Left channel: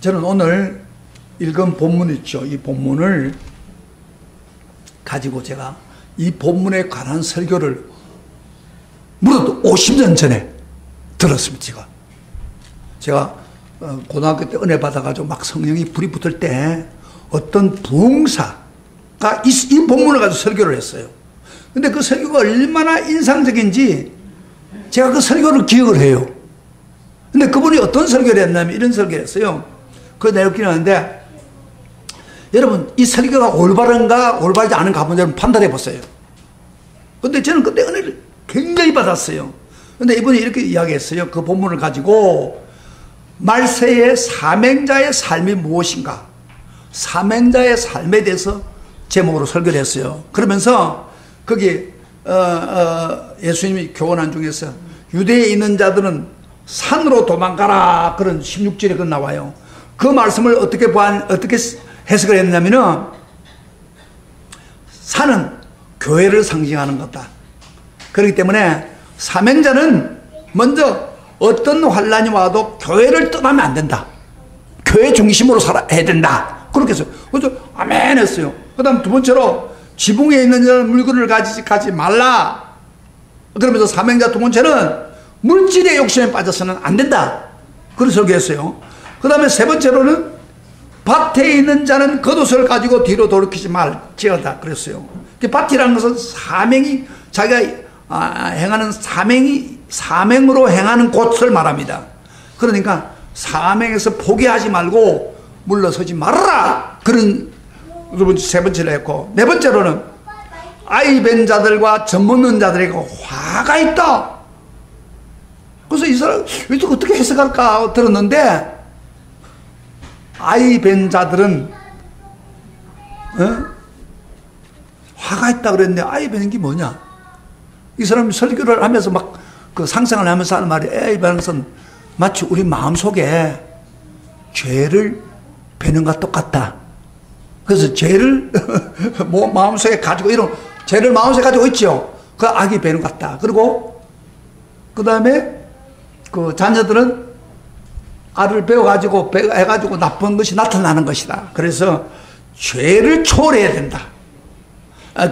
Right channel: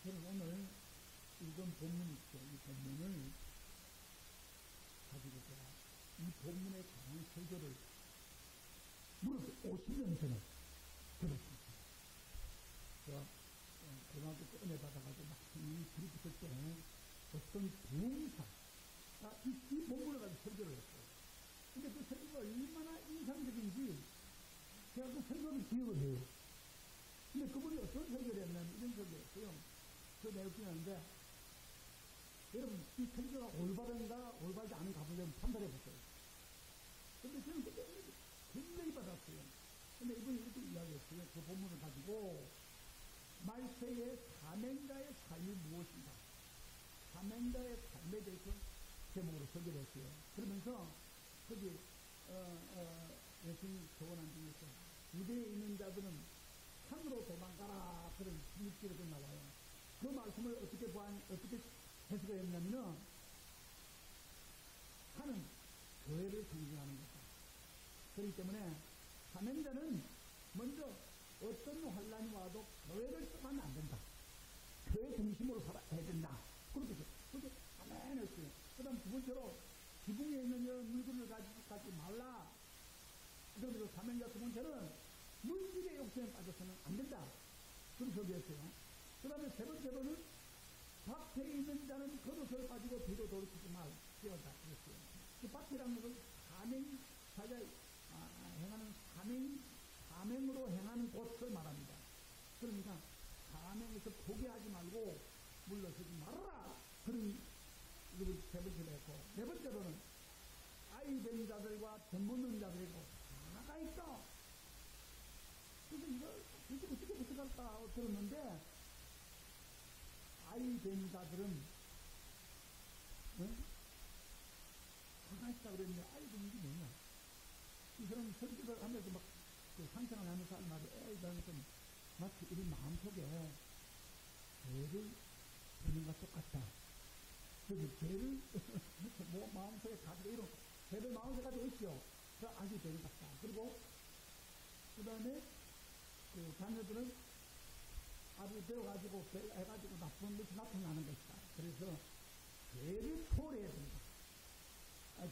저는 오늘 읽은 본문 있죠. 이 본문을 가지고 제가 이 본문에 관한 설교를 무려 50년 전에 들었습니다. 제가 고등학교 때 은혜 받아가지고 막 성령이 불이 붙을 때 어떤 부흥사가 이 본문을 가지고 설교를 했어요. 근데 그 설교가 얼마나 인상적인지 제가 그 설교를 기억을 해요. 근데 그분이 어떤 설교를 했냐면 이런 설교를 했어요. 그 내용 기억나는데, 여러분 이 설교가 올바른가 올바르지 않은가 한번 여러분 판단해 보세요. 근데 저는 그때 은혜를 굉장히 받았어요. 근데 이분이 이렇게 이야기했어요. 그 본문을 가지고 말세의 사명자의 삶이 무엇인가, 사명자의 삶에 대해서 제목으로 설교를 했어요. 그러면서 거기 예수님이 교훈한 중에서 유대에 있는 자들은 산으로 도망가라, 그런 16절에 그 나와요. 그 말씀을 어떻게 해석을 했냐면은, 산은 교회를 상징하는 거다. 그렇기 때문에 사명자는 먼저 어떤 환란이 와도 교회를 떠나면 안 된다. 교회 중심으로 살아야 된다. 그렇게 했어요. 그래서 아멘 했어요. 그 다음 두 번째로 지붕에 있는 물건을 가지지 말라. 그러면서 사명자 두 번째는 물질의 욕심에 빠져서는 안 된다. 그래서 설교했어요. 그 다음에 세 번째로는 밭에 있는 자는 겉옷을 가지고 뒤로 돌이키지 말지어다. 그랬어요. 밭이라는 것은 사명이, 자기가 행하는 사명으로 행하는 곳을 말합니다. 그러니까 사명에서 포기하지 말고 물러서지 말아라. 그런 세 번째로 했고, 네 번째로는 아이 뵌 자들과 젖 먹는 자들에게 화가 있다. 그래서 이 사람 이거 어떻게 해석할까 들었는데, 아이 뵌 자들은 화가 있다 그랬는데, 아이 뵌 게 뭐냐? 이 사람이 설교를 하면서 막 그 상상을 하면서 하는 말이, 아이 뵈는 것은 마치 우리 마음속에 죄를 베는 것과 똑같다. 그래서 죄를 마음속에 가지고, 이런 죄를 마음속에 가지고 있죠. 그 악이 베는 것 같다. 그리고 그 다음에 그 자녀들은 알을 배워가지고 해가지고 나쁜 것이 나타나는 것이다. 그래서 죄를 초월해야 된다.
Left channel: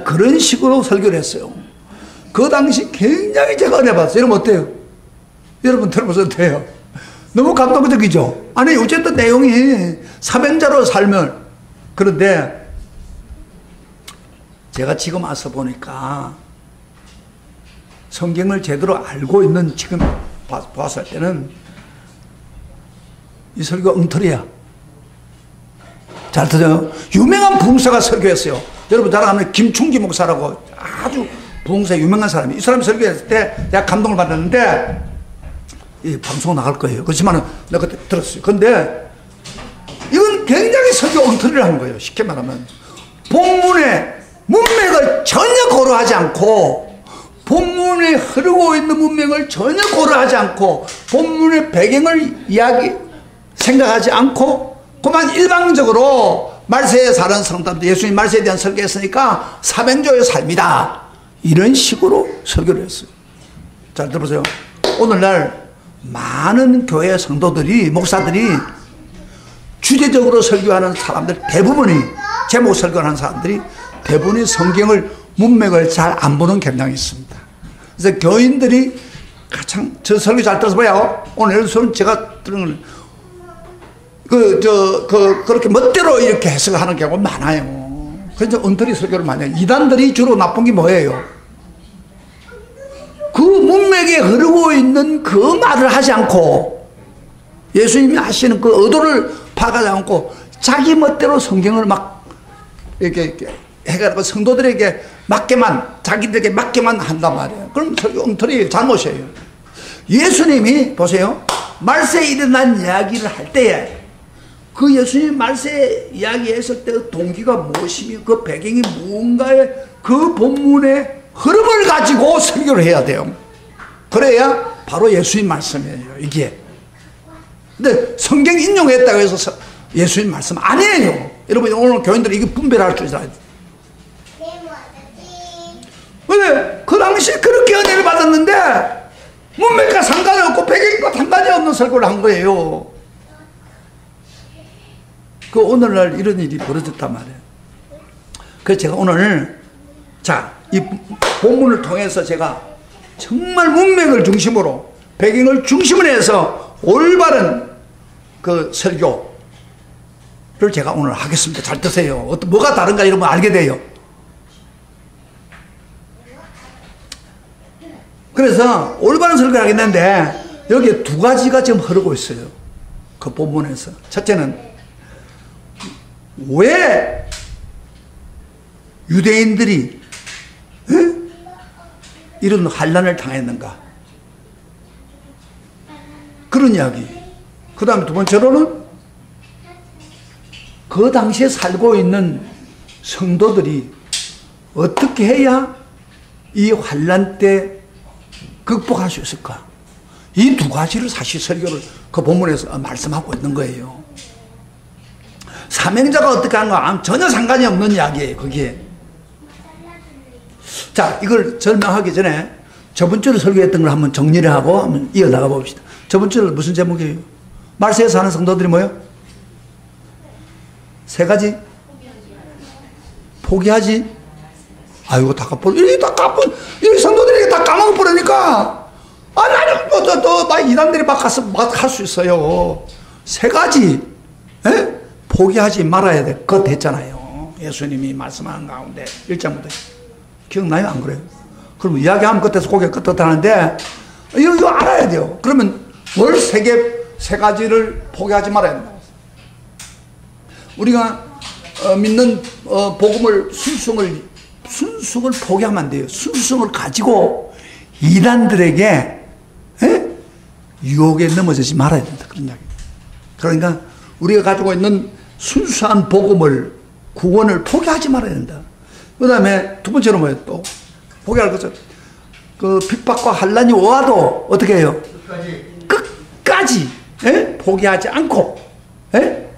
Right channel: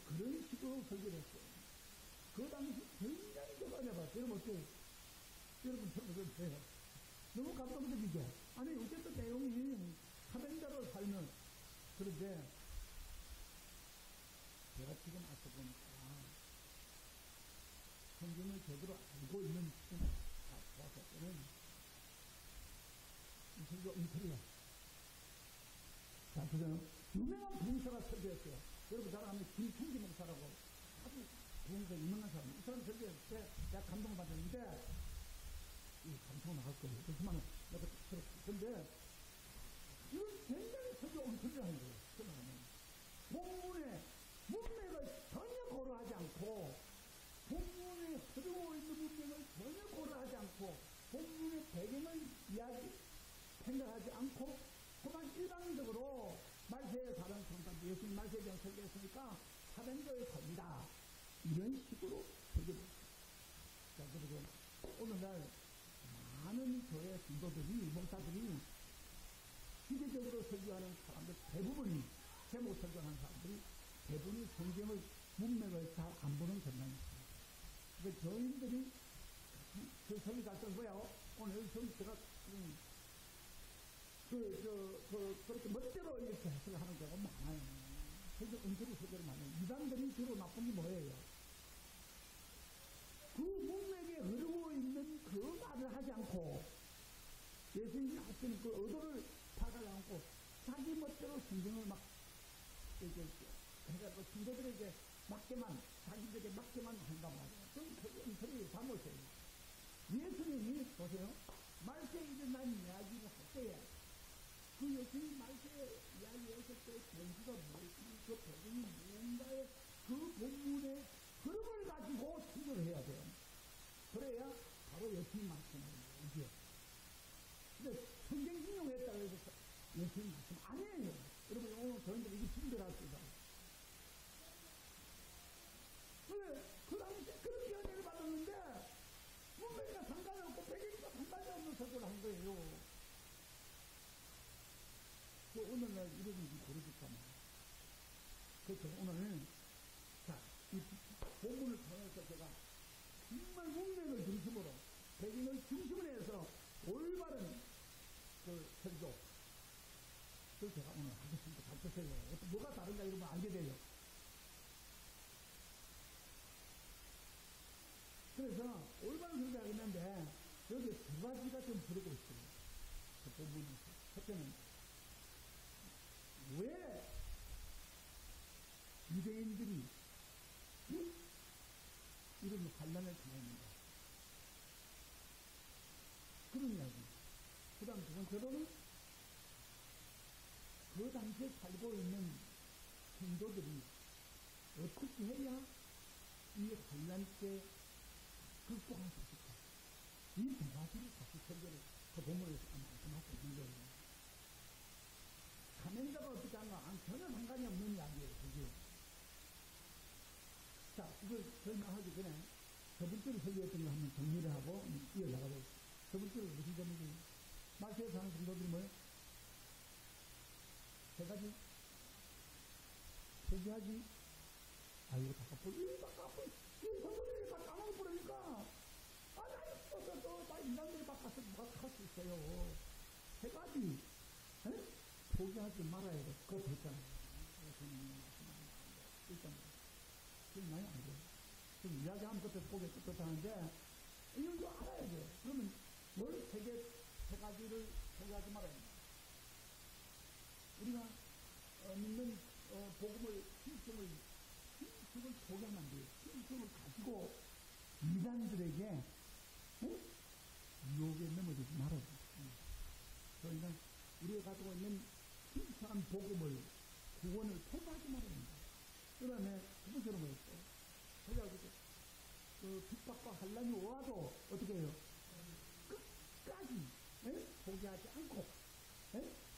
그런 식으로 설교를 했어요. 그 당시 굉장히 제가 은혜 받았어요. 여러분 어때요? 여러분 들어보셔도 돼요. 너무 감동적이죠? 아니 어쨌든 내용이 사명자로 살면. 그런데 제가 지금 와서 보니까 성경을 제대로 알고 있는 지금 봤을 때는 이 설교가 엉터리야. 잘 들어요? 유명한 부흥사가 설교했어요. 여러분 잘 아는 김충기 목사라고 아주 부흥사 유명한 사람이, 이 사람이 설교했을 때 내가 감동을 받았는데, 이 방송 나갈 거예요. 그렇지만 내가 그때 들었어요. 근데 이건 굉장히 설교 엉터리를 하는 거예요. 쉽게 말하면 본문의 문맥을 전혀 고려하지 않고, 본문에 흐르고 있는 문맥을 전혀 고려하지 않고, 본문의 배경을 생각하지 않고, 그만 일방적으로 말세에 사는 성도들, 예수님 말세에 대한 설교했으니까 사명자의 삶이다, 이런 식으로 설교를 했어요. 잘 들어보세요. 오늘날 많은 교회 성도들이, 목사들이 주제적으로 설교하는 사람들 대부분이, 제목 설교하는 사람들이 대부분이 성경을, 문맥을 잘 안 보는 경향이 있습니다. 그래서 교인들이 가장, 저 설교 잘 들어서 봐요. 오늘 제가 들은 그렇게 멋대로 이렇게 해석하는 경우가 많아요. 그래서 엉터리 설교를 많이 해요. 이단들이 주로 나쁜 게 뭐예요? 그 문맥에 흐르고 있는 그 말을 하지 않고, 예수님이 하시는 그 의도를 파악하지 않고 자기 멋대로 성경을 막 이렇게 해가지고 성도들에게 맞게만, 자기들에게 맞게만 한단 말이에요. 그럼 설교 엉터리 잘못이에요. 예수님이 보세요. 말세에 일어난 이야기를 할 때에 그 예수님 말세 이야기했을 때 그 동기가 무엇이며 그 배경이 무언가에 그 본문의 흐름을 가지고 설교를 해야 돼요. 그래야 바로 예수님 말씀이에요, 이게. 근데 성경 인용했다고 해서 예수님 말씀 아니에요. 여러분 오늘 교인들이 이게 분별할 줄 알아야 돼요. 근데 그 당시에 그렇게 은혜를 받았는데 문맥과 상관이 없고 배경과 상관이 없는 설교를 한 거예요. 그 오늘날 이런 일이 벌어졌단 말이에요. 그래서 제가 오늘 이 본문을 통해서 제가 정말 문맥을 중심으로 배경을 중심으로 해서 올바른 그 설교를 제가 오늘 하겠습니다. 잘 드세요. 뭐가 다른가 이런 거 알게 돼요. 그래서 올바른 설교를 하겠는데 여기에 두 가지가 지금 흐르고 있어요. 그 본문에서. 첫째는 왜 유대인들이 이런 환난을 당했는가? 그런 이야기. 그 다음에 두 번째로는 그 당시에 살고 있는 성도들이 어떻게 해야 이 환난 때 극복할 수 있을까? 이 두 가지를 사실 설교를 그 본문에서 말씀하고 있는 거예요. 사명자가 어떻게 하는가 전혀 상관이 없는 이야기예요. 거기에. 자, 이걸 설명하기 전에 저번 주에 설교했던 걸 한번 정리를 하고 한번 이어나가 봅시다. 저번 주에 무슨 제목이에요? 말세에 사는 성도들이 뭐예요? 세 가지? 포기하지? 아이고, 다 까불, 이렇게 다 까불, 이 성도들이 다 까먹어 버리니까, 나는 막 이단들이 막 가서 막 할 수 있어요. 세 가지, 에? 포기하지 말아야 돼. 그거 됐잖아요. 예수님이 말씀하는 가운데, 1장부터. 기억나요? 안 그래요? 그럼 이야기하면 그때서 고개 끄덕하는데, 이거 알아야 돼요. 그러면 뭘 세 가지를 포기하지 말아야 된다. 우리가 믿는 복음을 순수성을 포기하면 안 돼요. 순수성을 가지고 이단들에게 유혹에 넘어지지 말아야 된다. 그런 이야기. 그러니까 우리가 가지고 있는 순수한 복음을 구원을 포기하지 말아야 된다. 그 다음에 두 번째로 뭐예요? 또 포기할 것은 그 핍박과 환난이 와도 어떻게 해요? 끝까지 포기하지 않고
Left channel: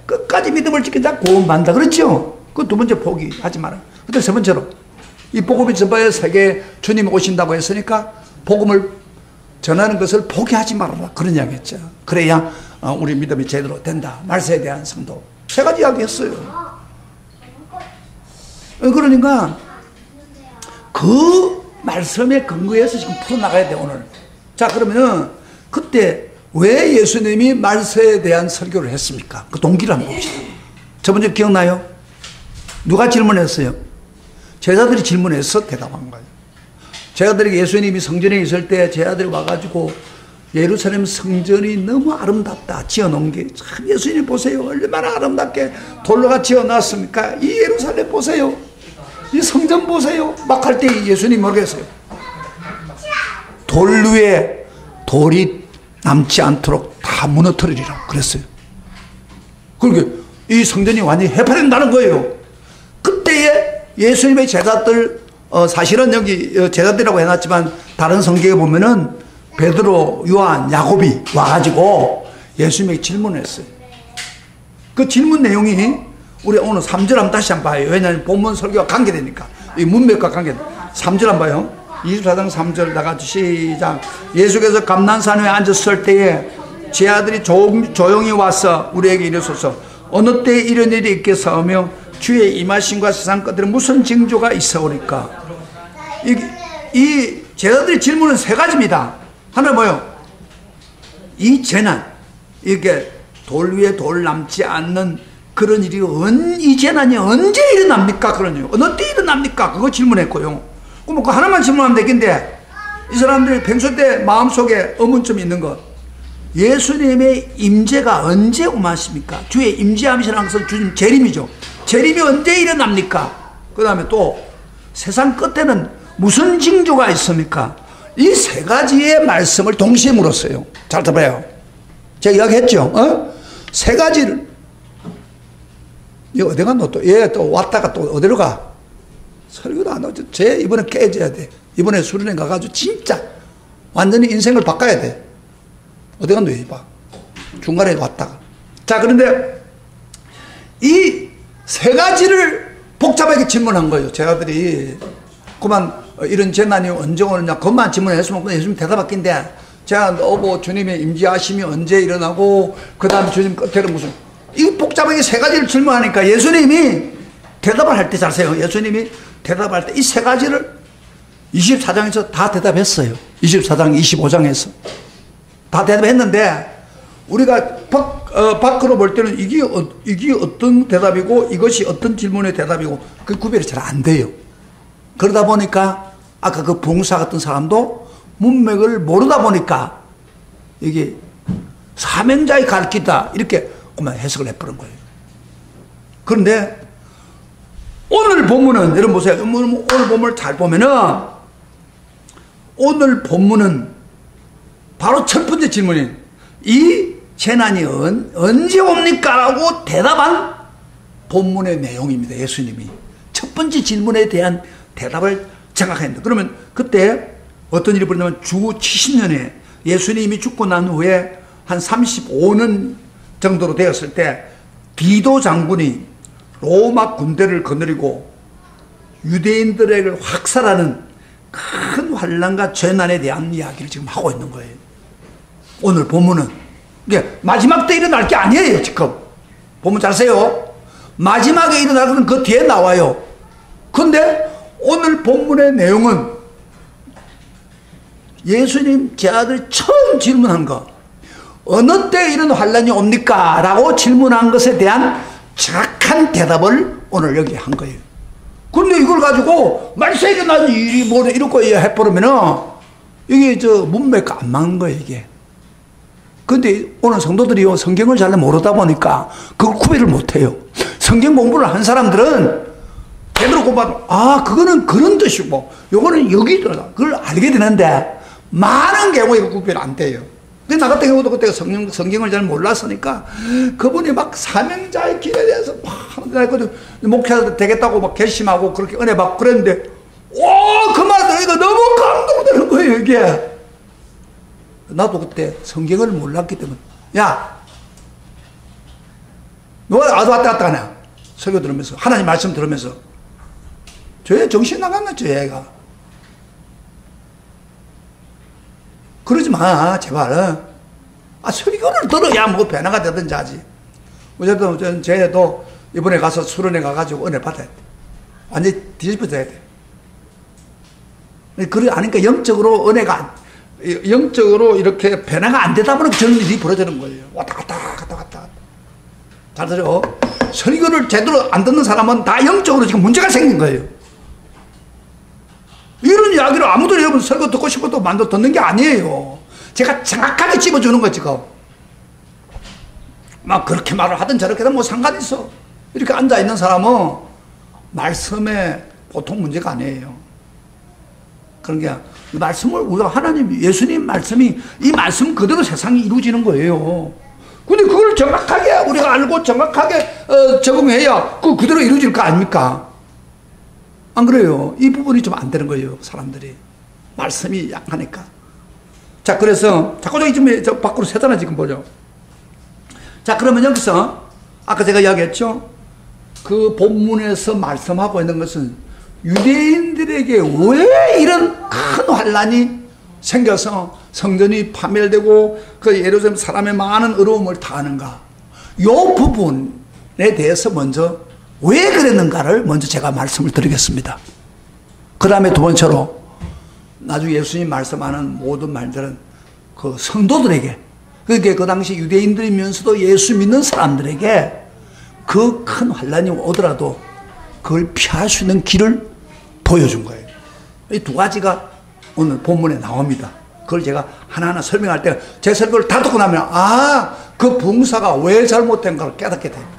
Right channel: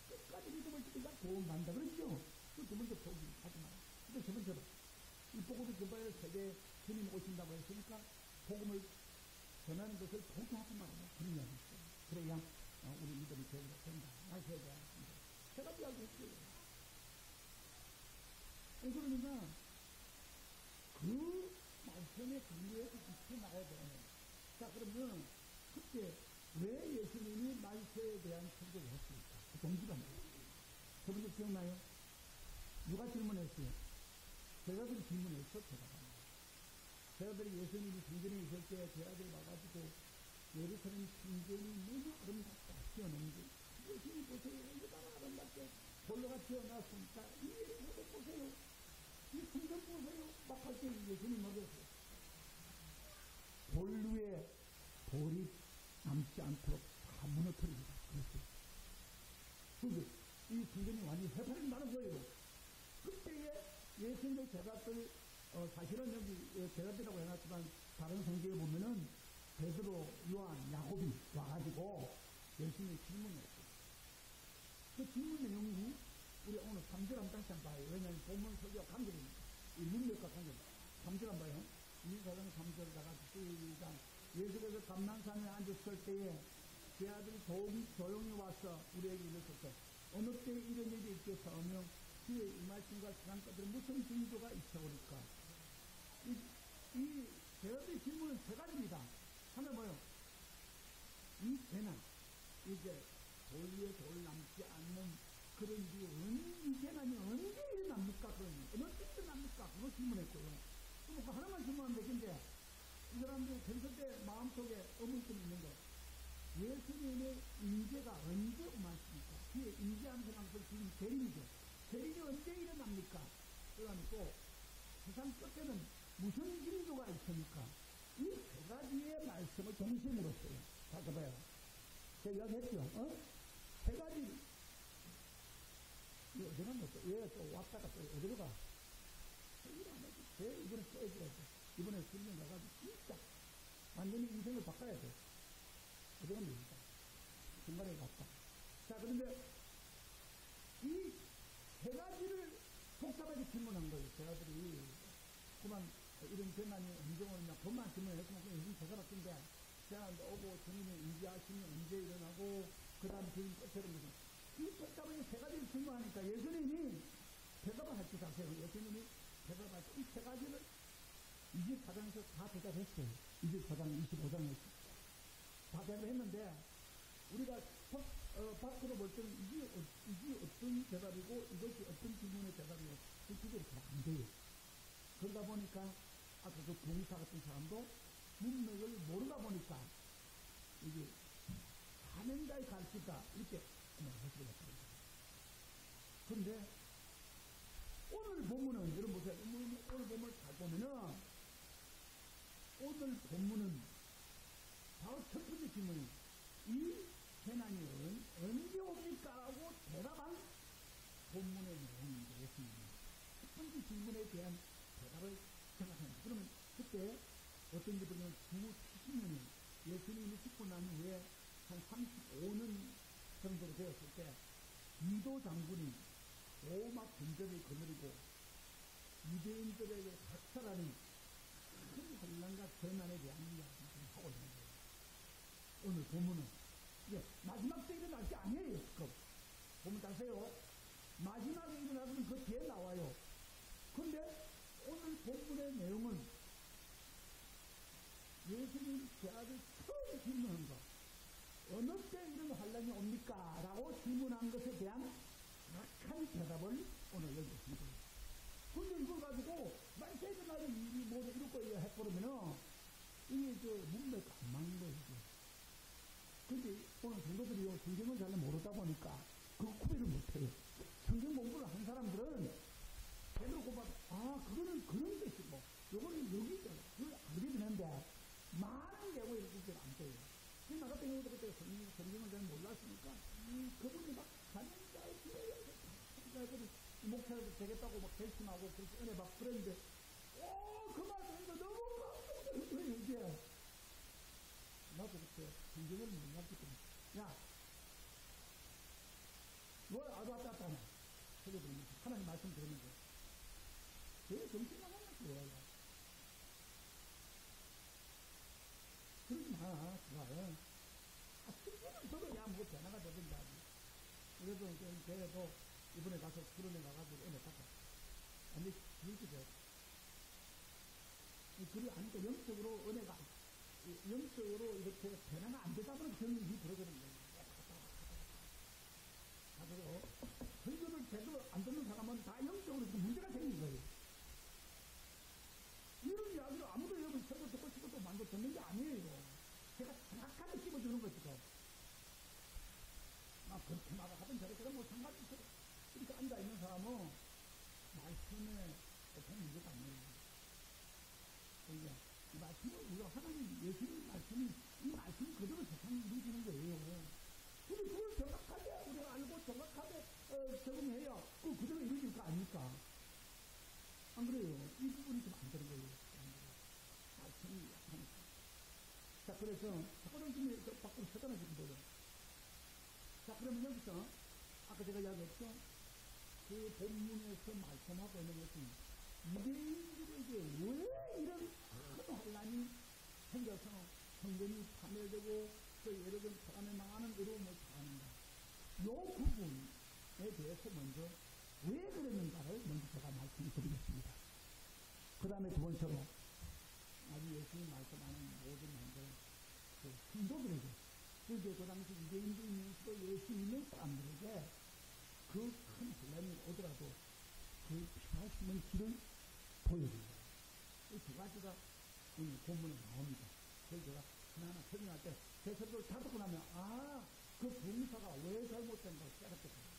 끝까지 믿음을 지키자 구원받는다. 그렇죠? 그 두 번째 포기하지 마라. 근데 세 번째로 이 복음이 전파의 세계에 주님이 오신다고 했으니까 복음을 전하는 것을 포기하지 말아라. 그런 이야기 했죠. 그래야 우리 믿음이 제대로 된다. 말세에 대한 성도. 세 가지 이야기 했어요. 그러니까 그 말씀에 근거해서 지금 풀어나가야 돼, 오늘. 자, 그러면은 그때 왜 예수님이 말세에 대한 설교를 했습니까? 그 동기를 한번 봅시다. 저번 주에 기억나요? 누가 질문했어요? 제자들이 질문해서 대답한 거예요. 제자들에게 예수님이 성전에 있을 때 제자들이 와가지고 예루살렘 성전이 너무 아름답다. 지어놓은 게 참 예수님 보세요. 얼마나 아름답게 돌로가 지어놨습니까? 이 예루살렘 보세요. 이 성전 보세요. 막 할 때 예수님 모르겠어요. 돌 위에 돌이 남지 않도록 다 무너뜨리리라 그랬어요. 그러니까 이 성전이 완전히 해파된다는 거예요. 그때에 예수님의 제자들, 사실은 여기 제자들이라고 해놨지만 다른 성경에 보면은 베드로, 요한, 야곱이 와가지고 예수님에게 질문을 했어요. 그 질문 내용이 우리 오늘 3절 한번 다시 한번 봐요. 왜냐하면 본문 설교와 관계되니까. 이 문맥과 관계되니까. 3절 한번 봐요. 24장 3절 나가지 시작. 예수께서 감난산 위에 앉았을 때에 제 아들이 조용히 와서 우리에게 이르소서 어느 때에 이런 일이 있겠사오며 주의 임하심과 세상 것들은 무슨 징조가 있어오리까. 이 제자들의 질문은 세 가지입니다. 하나 뭐요? 이 재난, 이게 돌 위에 돌 남지 않는 그런 일이 이 재난이 언제 일어납니까? 그러냐. 어느 때 일어납니까? 그거 질문했고요. 그럼 그 하나만 질문하면 되겠는데 이 사람들이 평소 때 마음속에 의문점이 있는 것. 예수님의 임재가 언제 오마십니까? 주의 임재함이라는 것은 주님 재림이죠. 재림이 언제 일어납니까? 그 다음에 또 세상 끝에는 무슨 징조가 있습니까? 이 세 가지의 말씀을 동시에 물었어요. 잘 들어봐요. 제가 이야기했죠. 세 가지를. 이거 어디 갔노? 또 얘 또 왔다가 또 어디로 가? 설교도 안 하죠. 쟤 이번에 깨져야 돼. 이번에 수련회 가가지고 진짜 완전히 인생을 바꿔야 돼. 어디 갔노? 얘 봐. 중간에 왔다가. 자, 그런데 이 세 가지를 복잡하게 질문한 거예요. 제자들이. 그만 이런 재난이 언제 오느냐 그것만 질문했으면 예수님 대답할긴데 제가 주님의 임재하심이 언제 일어나고 그 다음 주님 끝에는 무슨 이 복잡하게 세 가지를 질문하니까 예수님이 대답을 할 때 잘 세요. 예수님이 대답할 때 이 세 가지를 24장에서 다 대답했어요. 24장, 25장에서. 다 대답했는데 우리가 밖으로 볼 때는 이게 어떤 대답이고 이것이 어떤 질문의 대답이고 그 구별이 잘 안 돼요. 그러다 보니까 아까 그 부흥사 같은 사람도 문맥을 모르다 보니까 이게 사명자의 가르치다 이렇게 그만 해석을 해버린 거예요. 그런데 오늘 본문은 여러분 보세요. 오늘 본문을 잘 보면은 오늘 본문은 바로 첫 번째 질문인 이 재난이 언제 옵니까? 라고 대답한 본문의 내용입니다. 예수님이 첫 번째 질문에 대한 대답을 정확했는데 그러면 그때 어떤 일이 벌어지냐면 주 70년에 예수님이 죽고 난 후에 한 35년 정도로 되었을 때 디도 장군이 로마 군대를 거느리고 유대인들에게 확살하는 큰 환난과 재난에 대한 이야기를 지금 하고 있는 거예요. 오늘 본문은 이게 마지막 때 일어날 게 아니에요. 지금 본문 잘 세요. 마지막에 일어날 것은 그 뒤에 나와요. 그런데 오늘 본문의 내용은 예수님 제 아들이 처음 질문한 거 어느 때 이런 환난이 옵니까? 라고 질문한 것에 대한 정확한 대답을 오늘 여기 한 거예요. 그런데 이걸 가지고 말세에 일어난 일이 뭐 이렇고 해버리면은 이게 문맥과 안 맞는 거예요, 이게. 근데 오늘 성도들이 성경을 잘 모르다 보니까 그걸 구별을 못 해요. 성경 공부를 한 사람들은 제대로 공부하면 그거는 그런 뜻이고 요거는 여기 있더라. 그걸 알게 되는데 많은 경우에 구별이 안 돼요. 근데 나 같은 경우도 그때 성경을 잘 몰랐으니까 그분이 막 사명자의 길에 대해서 막 목회자 되겠다고 막 결심하고 그렇게 은혜 받고 그랬는데 그 말 들으니까 너무 감동되는 거예요, 이게. 나도 그때 성경을 몰랐기 때문에 야 너가 왔다 갔다 하냐 설교 들으면서 하나님 말씀 들으면서 저 정신 나갔나 저 애가 그러지 마 제발. 설교를 들어야 뭐 변화가 되든지 하지. 어쨌든 쟤도 이번에 가서 수련회 가가지고 은혜 받아야 돼. 완전히 뒤집어져야 돼. 그래 아니까 영적으로 은혜가 영적으로 이렇게 변화가 안 되다 보니까 저런 일이 벌어지는 거예요. 왔다 갔다. 잘 들어. 설교를 제대로 안 듣는 사람은 다 영적으로 지금 문제가 생긴 거예요. 이런 이야기를 아무도 여러분 설교 듣고 싶어도 만들어 듣는 게 아니에요. 제가 정확하게 집어주는 거 지금. 막 그렇게 말을 하든 저렇게 하든 뭐 상관 있어. 이렇게 앉아있는 사람은 말씀에 보통 문제가 아니에요. 그런 게 말씀을 우리가 하나님 예수님 말씀이 이 말씀 그대로 세상이 이루어지는 거예요. 근데 그걸 정확하게 우리가 알고 정확하게 적응해야 그대로 이루어질 거 아닙니까? 안 그래요? 이 부분이 좀 안 되는 거예요, 사람들이. 말씀이 약하니까. 자, 그래서 자꾸 저 밖으로 새잖아 지금 보죠. 자, 그러면 여기서 아까 제가 이야기했죠. 그 본문에서 말씀하고 있는 것은 유대인들에게 왜 이런 큰 환난이 생겨서 성전이 파멸되고 그 예루살렘 사람의 많은 어려움을 당하는가. 이 부분에 대해서 먼저 왜 그랬는가를 먼저 제가 말씀을 드리겠습니다. 그 다음에 두 번째로 나중에 예수님 말씀하는 모든 말들은 그 성도들에게 그게 그 당시 유대인들이면서도 예수 믿는 사람들에게 그 큰 환난이 오더라도 그걸 피할 수 있는 길을 보여준 거예요. 이 두 가지가 오늘 본문에 나옵니다. 그걸 제가 하나하나 설명할 때 제 설교를 다 듣고 나면 그 부흥사가 왜 잘못된가를 깨닫게 됩니다.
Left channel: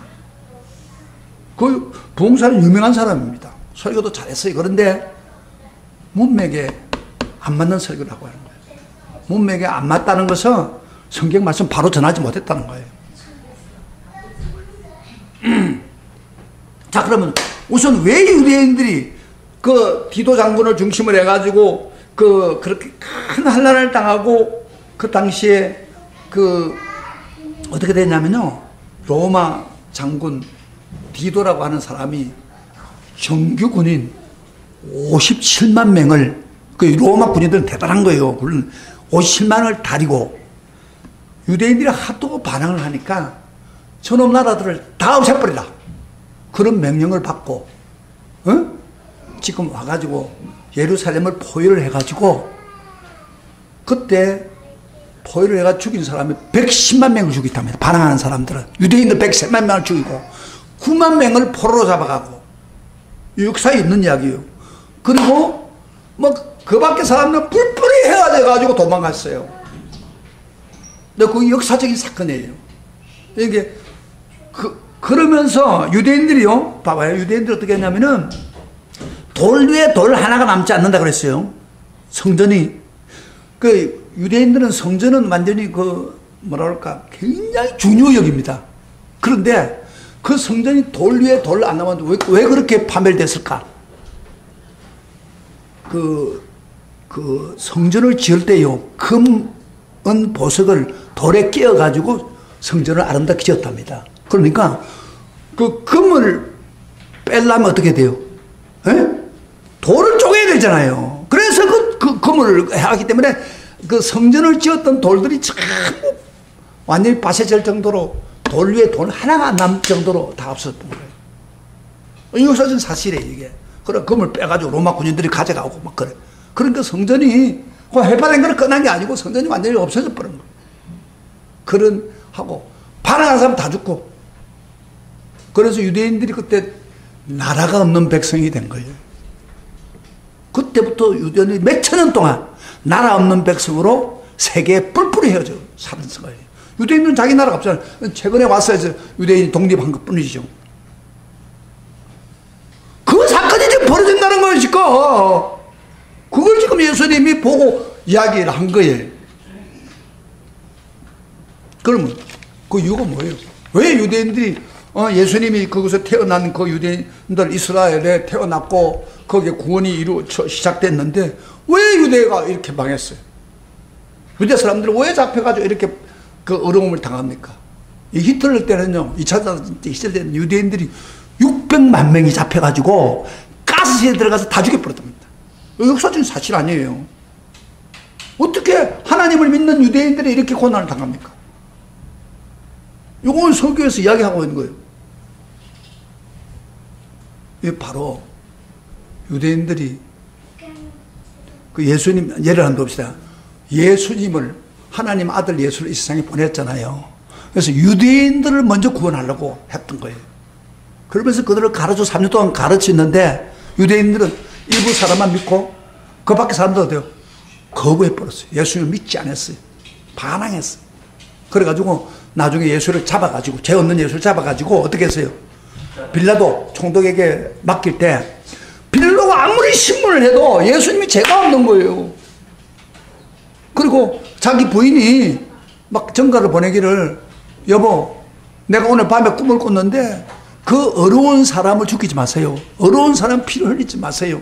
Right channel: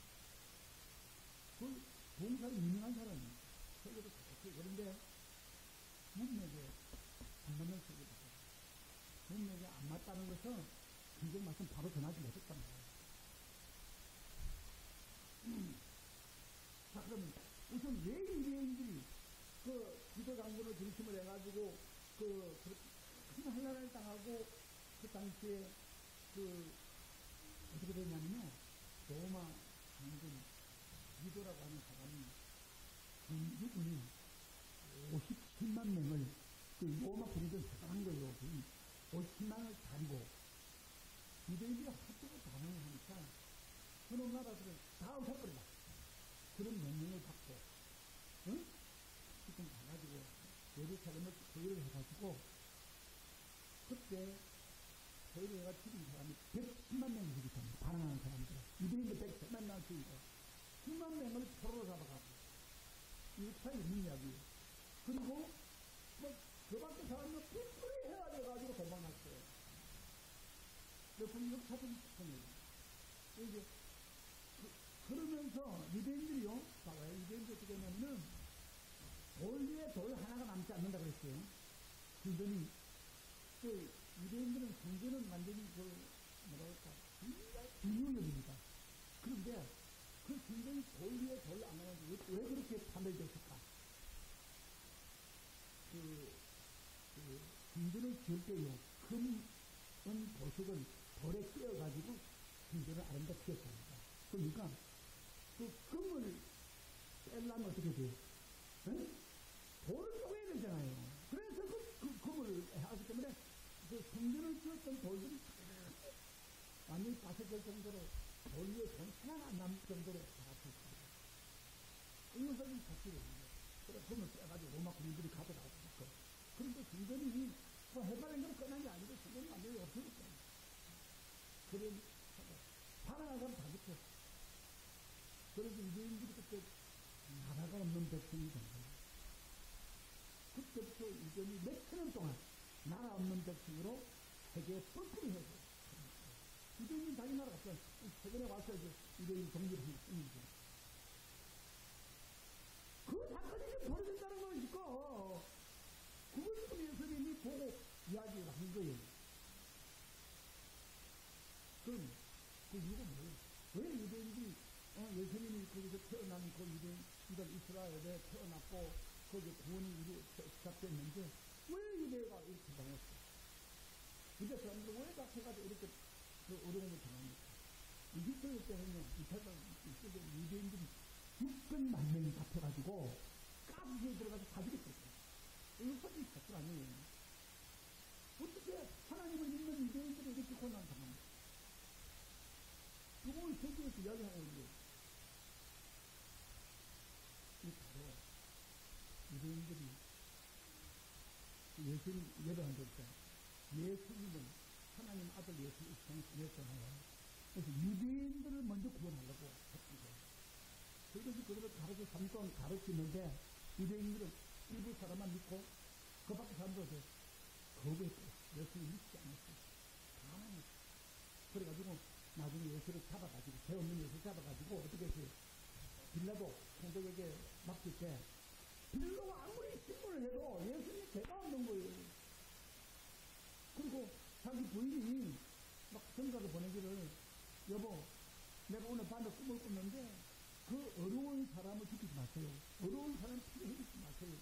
그 부흥사는 유명한 사람입니다. 설교도 잘했어요. 그런데 문맥에 안 맞는 설교를 하고 하는 거예요. 문맥에 안 맞다는 것은 성경 말씀 바로 전하지 못했다는 거예요. 자, 그러면 우선 왜 유대인들이 그 디도 장군을 중심으로 해가지고 그렇게 큰 환난을 당하고 그 당시에 어떻게 됐냐면요. 로마 장군 디도라고 하는 사람이 정규 군인 57만 명을 그 로마 군인들은 대단한 거예요. 물론 57만을 다리고 유대인들이 하도 반항을 하니까 저놈 나라들을 다 없애버리라. 그런 명령을 받고, 지금 와가지고 예루살렘을 포위를 해가지고, 그때 포위를 해가 죽인 사람이 110만 명을 죽였답니다. 반항하는 사람들은. 유대인들 110만 명을 죽이고, 9만 명을 포로로 잡아가고, 역사에 있는 이야기예요. 그리고, 그 밖에 사람들은 뿔뿔이 헤어져가지고 도망갔어요. 근데 그게 역사적인 사건이에요. 이게, 그러면서 유대인들이요, 봐봐요. 유대인들이 어떻게 했냐면은, 돌 위에 돌 하나가 남지 않는다 그랬어요. 성전이. 유대인들은 성전은 완전히 뭐랄까, 굉장히 중요역입니다. 그런데 그 성전이 돌 위에 돌 안 남았는데 왜 그렇게 파멸됐을까? 성전을 지을 때요, 은 보석을 돌에 끼워가지고 성전을 아름답게 지었답니다. 그러니까 그 금을 빼려면 어떻게 돼요? 돌을 쪼개야 되잖아요. 그래서 그 금을 하기 때문에 그 성전을 지었던 돌들이 전부 완전히 파쇄될 정도로 돌 위에 돌 하나가 안 남을 정도로 다 없었던 거예요. 이 역사적인 사실이에요, 이게. 그래, 금을 빼가지고 로마 군인들이 가져가고 막 그래. 그러니까 성전이 해파된 거는 끝난 게 아니고 성전이 완전히 없어져 버린 거예요. 하고, 반항한 사람 다 죽고. 그래서 유대인들이 그때 나라가 없는 백성이 된 거예요. 그때부터 유대인이 몇 천 년 동안 나라 없는 백성으로 세계에 뿔뿔이 헤어져 사는 거예요. 유대인들은 자기 나라가 없잖아요. 최근에 와서 유대인이 독립한 것 뿐이죠. 그 사건이 지금 벌어진다는 거예요, 지금. 그걸 지금 예수님이 보고 이야기를 한 거예요. 그러면 그 이유가 뭐예요? 왜 유대인들이 예수님이 거기서 태어난 그 유대인들 이스라엘에 태어났고 거기에 구원이 시작됐는데 왜 유대가 이렇게 망했어요? 유대 사람들은 왜 잡혀가지고 이렇게 그 어려움을 당합니까? 이 히틀러 때는요, 2차 대전 시절 때는 유대인들이 600만 명이 잡혀가지고 가스실에 들어가서 다 죽여버렸답니다. 역사적인 사실 아니에요. 어떻게 하나님을 믿는 유대인들이 이렇게 고난을 당합니까? 이걸 설교에서 이야기하고 있는 거예요. 이게 바로 유대인들이 그 예수님 예를 한번 봅시다. 예수님을 하나님 아들 예수를 이 세상에 보냈잖아요. 그래서 유대인들을 먼저 구원하려고 했던 거예요. 그러면서 그들을 3년 동안 가르치는데 유대인들은 일부 사람만 믿고 그 밖에 사람들 어때요? 거부해버렸어요. 예수님을 믿지 않았어요. 반항했어요. 그래가지고 나중에 예수를 잡아가지고 죄 없는 예수를 잡아가지고 어떻게 했어요? 빌라도 총독에게 맡길 때 빌라도가 아무리 신문을 해도 예수님이 죄가 없는 거예요. 그리고 자기 부인이 막 전가를 보내기를 여보 내가 오늘 밤에 꿈을 꿨는데 그 어려운 사람을 죽이지 마세요. 어려운 사람 피를 흘리지 마세요.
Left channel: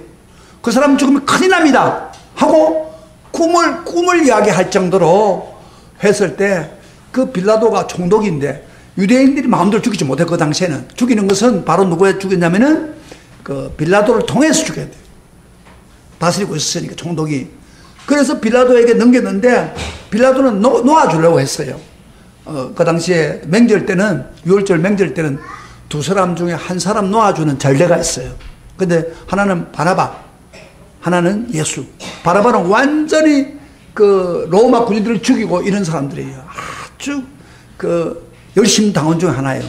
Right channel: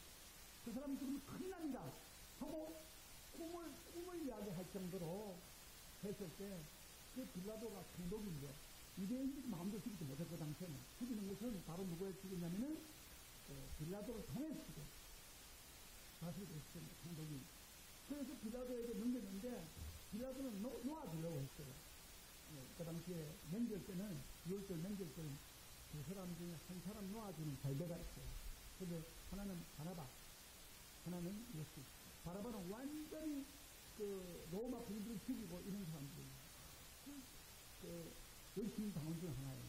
그 사람 죽으면 큰일 납니다. 하고 꿈을 이야기할 정도로 했을 때 그 빌라도가 총독인데 유대인들이 마음대로 죽이지 못해. 그 당시에는 죽이는 것은 바로 누구에 죽였냐면은 그 빌라도를 통해서 죽여야 돼요. 다스리고 있었으니까 총독이. 그래서 빌라도에게 넘겼는데 빌라도는 놓아주려고 했어요. 그 당시에 명절 때는 6월절 명절 때는 두 사람 중에 한 사람 놓아주는 전례가 있어요. 근데 하나는 바나바, 하나는 예수. 바나바는 완전히 그 로마 군인들을 죽이고 이런 사람들이에요. 아주 그 열심 당원 중 하나예요.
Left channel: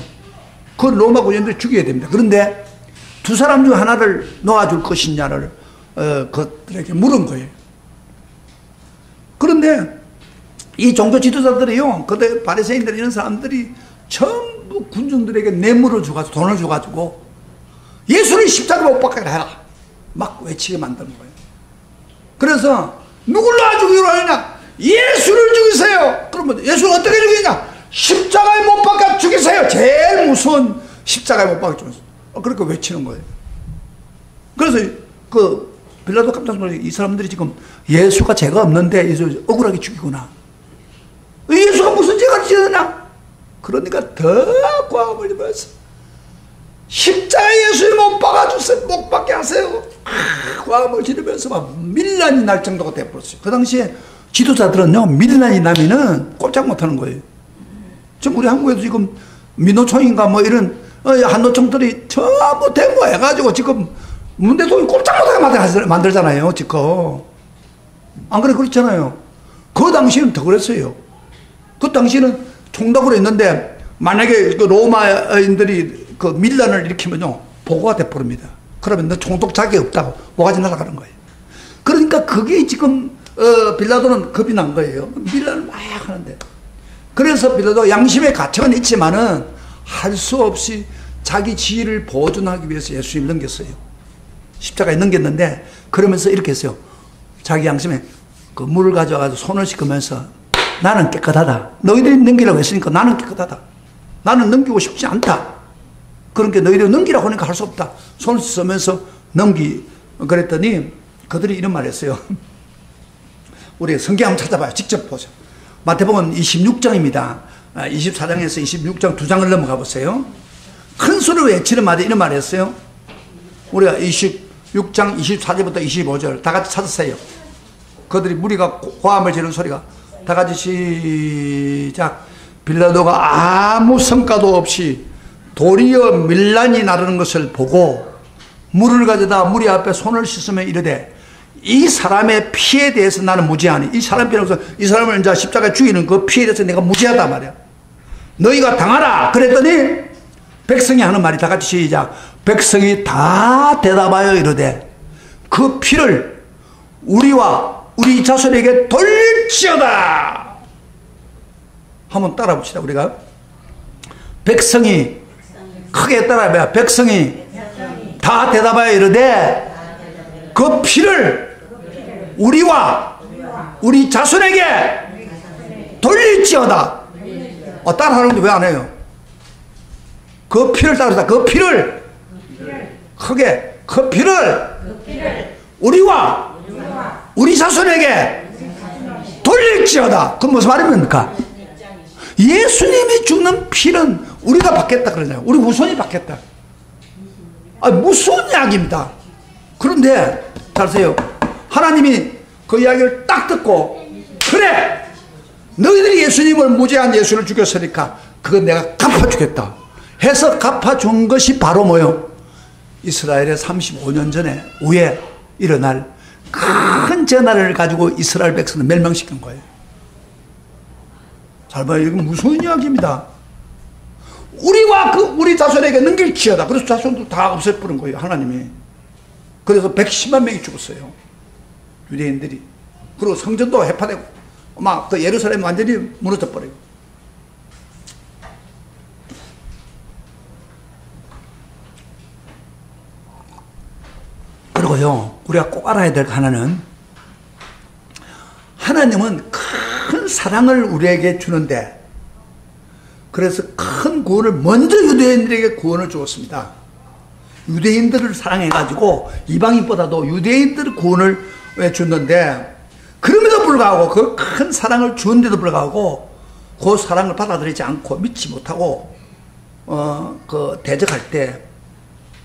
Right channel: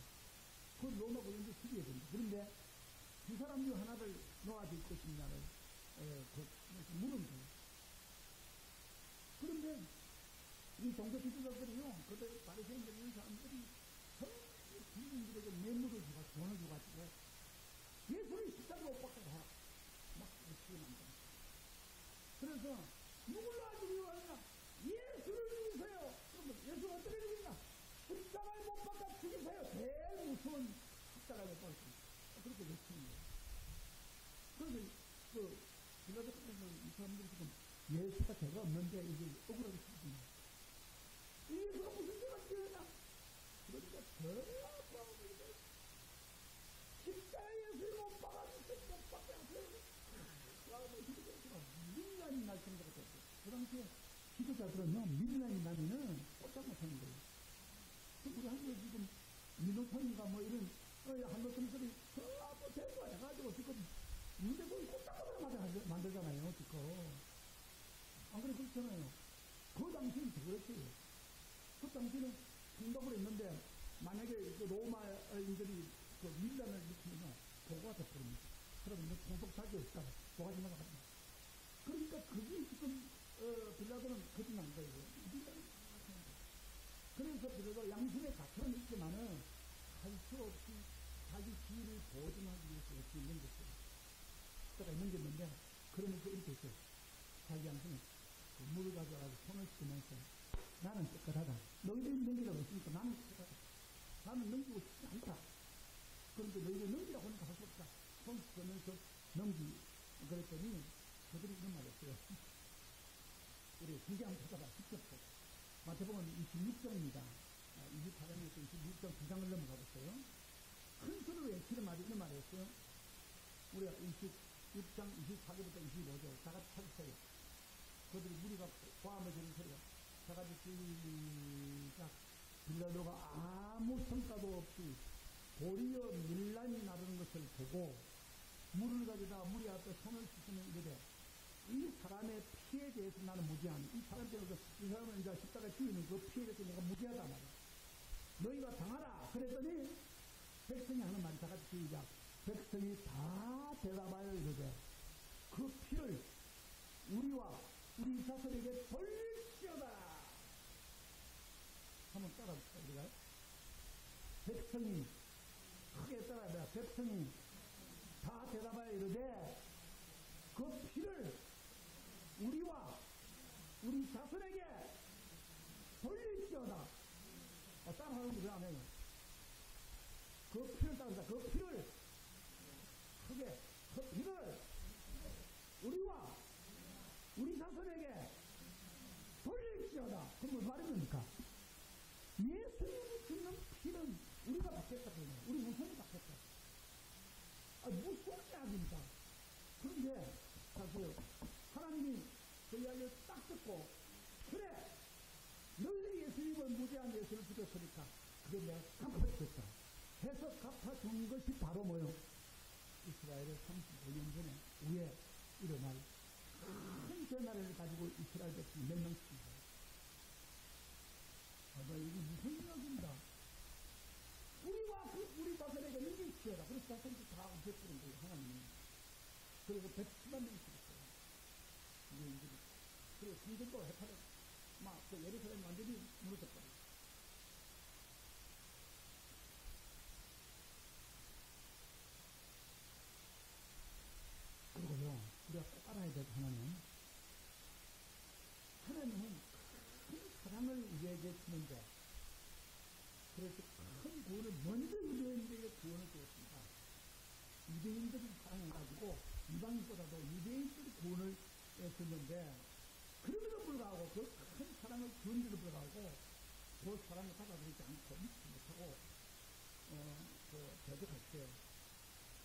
그 로마 군인들을 죽여야 됩니다. 그런데 두 사람 중 하나를 놓아줄 것이냐를 그들에게 물은 거예요. 그런데 이 종교 지도자들이요, 그때 바리새인들 이런 사람들이 전부 군중들에게 뇌물을 줘가지고 돈을 줘가지고 예수를 십자가 못 박게 해라 막 외치게 만드는 거예요. 그래서 누굴 놔주기로 하느냐? 예수를 죽이세요. 그러면 예수를 어떻게 죽이냐? 십자가에 못 박아 죽이세요. 제일 무서운 십자가에 못 박아 죽이세요. 그렇게 외치는 거예요. 그래서 그 빌라도 깜짝 놀라서 이 사람들이 지금 예수가 죄가 없는데 예수 억울하게 죽이구나. 예수가 무슨 죄가 지었나? 그러니까 더 과음을 입어서 십자가에 예수를 못 박아주세요. 못 박게 하세요. 과음을 지르면서 막 밀란이 날 정도가 돼버렸어요. 그 당시에 지도자들은요, 밀란이 나면은 꼼짝 못하는 거예요. 지금 우리 한국에도 지금 민노총인가 뭐 이런 한노총들이 전부 데모해가지고 지금 문 대통령이 꼼짝 못하게 만들잖아요, 지금. 안 그래? 그렇잖아요. 그 당시에는 더 그랬어요. 그 당시에는 총독으로 있는데 만약에 그 로마인들이 그 밀란을 일으키면요, 보고가 돼버립니다. 그러면 너 총독 자격이 없다고 모가지 날아가는 거예요. 그러니까 그게 지금 빌라도는 겁이 난 거예요. 밀란을 막 하는데. 그래서 빌라도 양심의 가책은 있지만은 할 수 없이 자기 지위를 보존하기 위해서 예수님을 넘겼어요. 십자가에 넘겼는데 그러면서 이렇게 했어요. 자기 양심에 그 물을 가져가서 손을 씻으면서 나는 깨끗하다. 너희들이 넘기라고 했으니까 나는 깨끗하다. 나는 넘기고 싶지 않다. 그러니까 너희들이 넘기라고 하니까 할 수 없다. 손을 씻으면서 그랬더니 그들이 이런 말을 했어요. 우리 성경 한번 찾아봐요. 직접 보세요. 마태복음 26장입니다. 24장에서 26장 2장을 넘어가 보세요. 큰 소리로 외치는 말이 이런 말을 했어요. 우리가 26장 24절부터 25절 다 같이 찾으세요. 그들이 무리가 고함을 지르는 소리가 다 같이 시작. 빌라도가 아무 성과도 없이 도리어 밀란이 나르는 것을 보고 물을 가져다 무리 앞에 손을 씻으며 이르되 이 사람의 피에 대해서 나는 무죄하니. 이 사람 피로서 이 사람을 이제 십자가에 죽이는 그 피에 대해서 내가 무죄하다 말이야. 너희가 당하라. 그랬더니 백성이 하는 말이 다 같이 시작. 백성이 다 대답하여 이르되 그 피를 우리와 우리 자손에게 돌릴지어다. 한번 따라 봅시다. 우리가 백성이 크게 따라해봐요. 백성이 다 대답하여 이르되 그 피를 우리와 우리 자손에게 돌릴지어다. 따라하는데 왜 안 해요? 그 피를 따르다. 그 피를 크게 그 피를 우리와 우리 자손에게 돌릴지어다. 그건 무슨 말입니까? 예수님이 죽는 피는 우리가 받겠다 그러잖아요. 우리 후손이 받겠다. 무서운 이야기입니다. 그런데 잘 보세요. 하나님이 그 이야기를 딱 듣고 그래 너희들이 예수님을 무죄한 예수를 죽였으니까 그건 내가 갚아주겠다 해서 갚아준 것이 바로 뭐요? 이스라엘의 35년 전에 후에 일어날 큰 재난을 가지고 이스라엘 백성을 멸망시킨 거예요. 잘 봐요. 이건 무서운 이야기입니다. 우리와 우리 자손에게 넘길지어다. 그래서 자손도 다 없애버린 거예요. 하나님이. 그래서 110만 명이 죽었어요. 유대인들이. 그리고 성전도 해파되고 막 그 예루살렘 완전히 무너져 버려요. 그리고요, 우리가 꼭 알아야 될 하나는 하나님은 큰 사랑을 우리에게 주는데 그래서 큰 구원을 먼저 유대인들에게 구원을 주었습니다. 유대인들을 사랑해가지고 이방인보다도 유대인들 구원을 줬는데 그럼에도 불구하고 그 큰 사랑을 주는데도 불구하고 그 사랑을 받아들이지 않고 믿지 못하고 그 대적할 때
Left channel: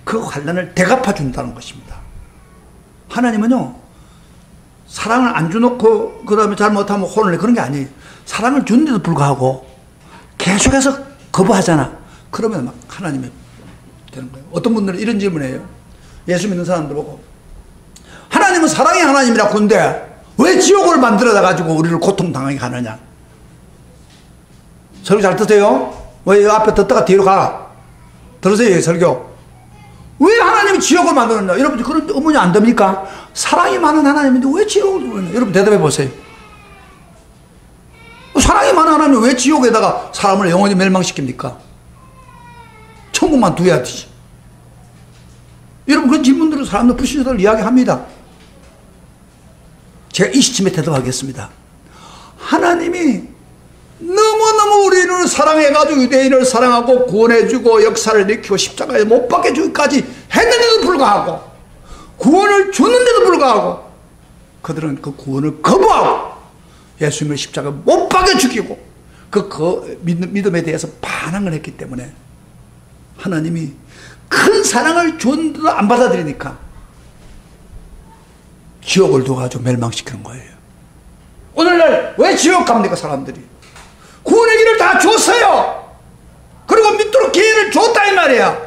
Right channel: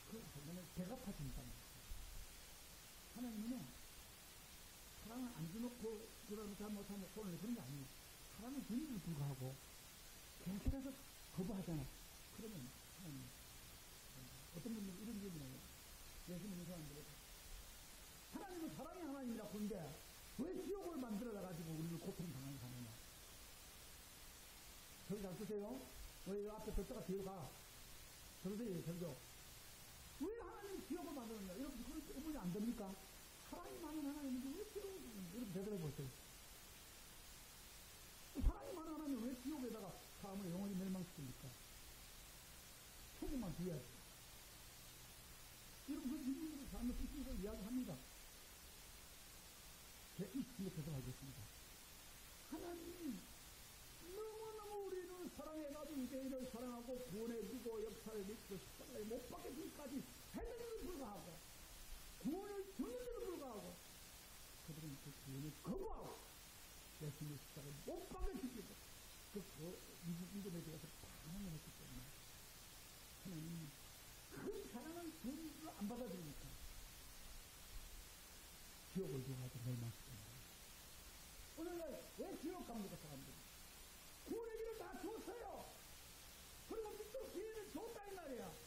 그 환난을 대갚아 준다는 것입니다. 하나님은요 사랑을 안 주놓고 그 다음에 잘못하면 혼을 내 그런 게 아니에요. 사랑을 주는데도 불구하고 계속해서 거부하잖아. 그러면 막 하나님이 되는 거예요. 어떤 분들은 이런 질문을 해요. 예수 믿는 사람들 보고 하나님은 사랑의 하나님이라고 하는데 왜 지옥을 만들어다 가지고 우리를 고통당하게 하느냐. 설교 잘 듣세요. 왜 앞에 듣다가 뒤로 가. 들으세요. 설교. 왜 하나님이 지옥을 만들었냐. 여러분 그런 의문이 안 됩니까? 사랑이 많은 하나님인데 왜 지옥을 만들었냐. 여러분 대답해 보세요. 사랑이 많은 하나님이 왜 지옥에다가 사람을 영원히 멸망시킵니까? 천국만 두어야 되지. 여러분 그런 질문들을 사람들 불신자들 이야기합니다. 제가 이 시점에 대답하겠습니다. 하나님이 너무너무 우리를 사랑해가지고 유대인을 사랑하고 구원해주고 역사를 일으키고 십자가에 못 박혀주기까지 했는데도 불구하고 구원을 줬는데도 불구하고 그들은 그 구원을 거부하고 예수님을 십자가에 못 박여 죽이고 그 믿음에 대해서 반항을 했기 때문에 하나님이 큰 사랑을 줬는데도 안 받아들이니까 지옥을 두어가지고 멸망시키는 거예요. 오늘날 왜 지옥 갑니까 사람들이? 구원의 길을 다 줬어요. 그리고 말이야.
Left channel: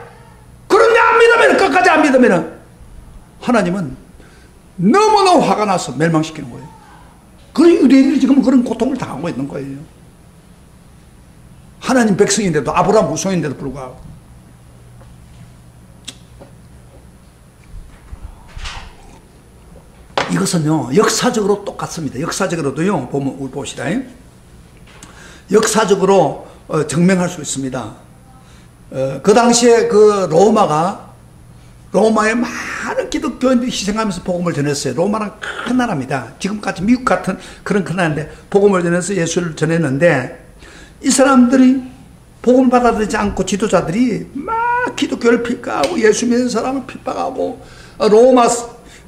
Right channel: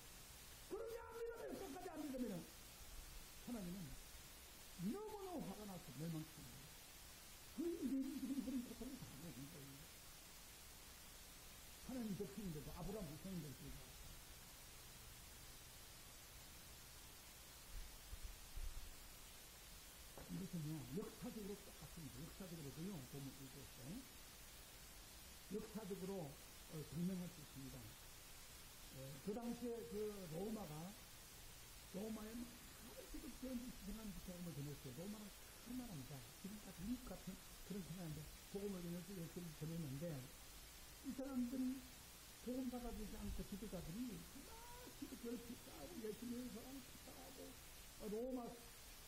그런데 안 믿으면, 끝까지 안 믿으면 하나님은 너무너무 화가 나서 멸망시키는 거예요. 그래서 유대인들이 지금 그런 고통을 당하고 있는 거예요. 하나님 백성인데도, 아브라함 후손인데도 불구하고. 이것은요, 역사적으로 똑같습니다. 역사적으로도요, 보면, 우리 봅시다. 역사적으로 증명할 수 있습니다. 그 당시에 그 로마의 많은 기독교인들이 희생하면서 복음을 전했어요. 로마는 큰 나라입니다. 지금까지 미국 같은 그런 큰 나라인데 복음을 전해서 예수를 전했는데, 이 사람들이 복음을 받아들이지 않고 지도자들이 막 기독교를 핍박하고 예수 믿는 사람을 핍박하고, 로마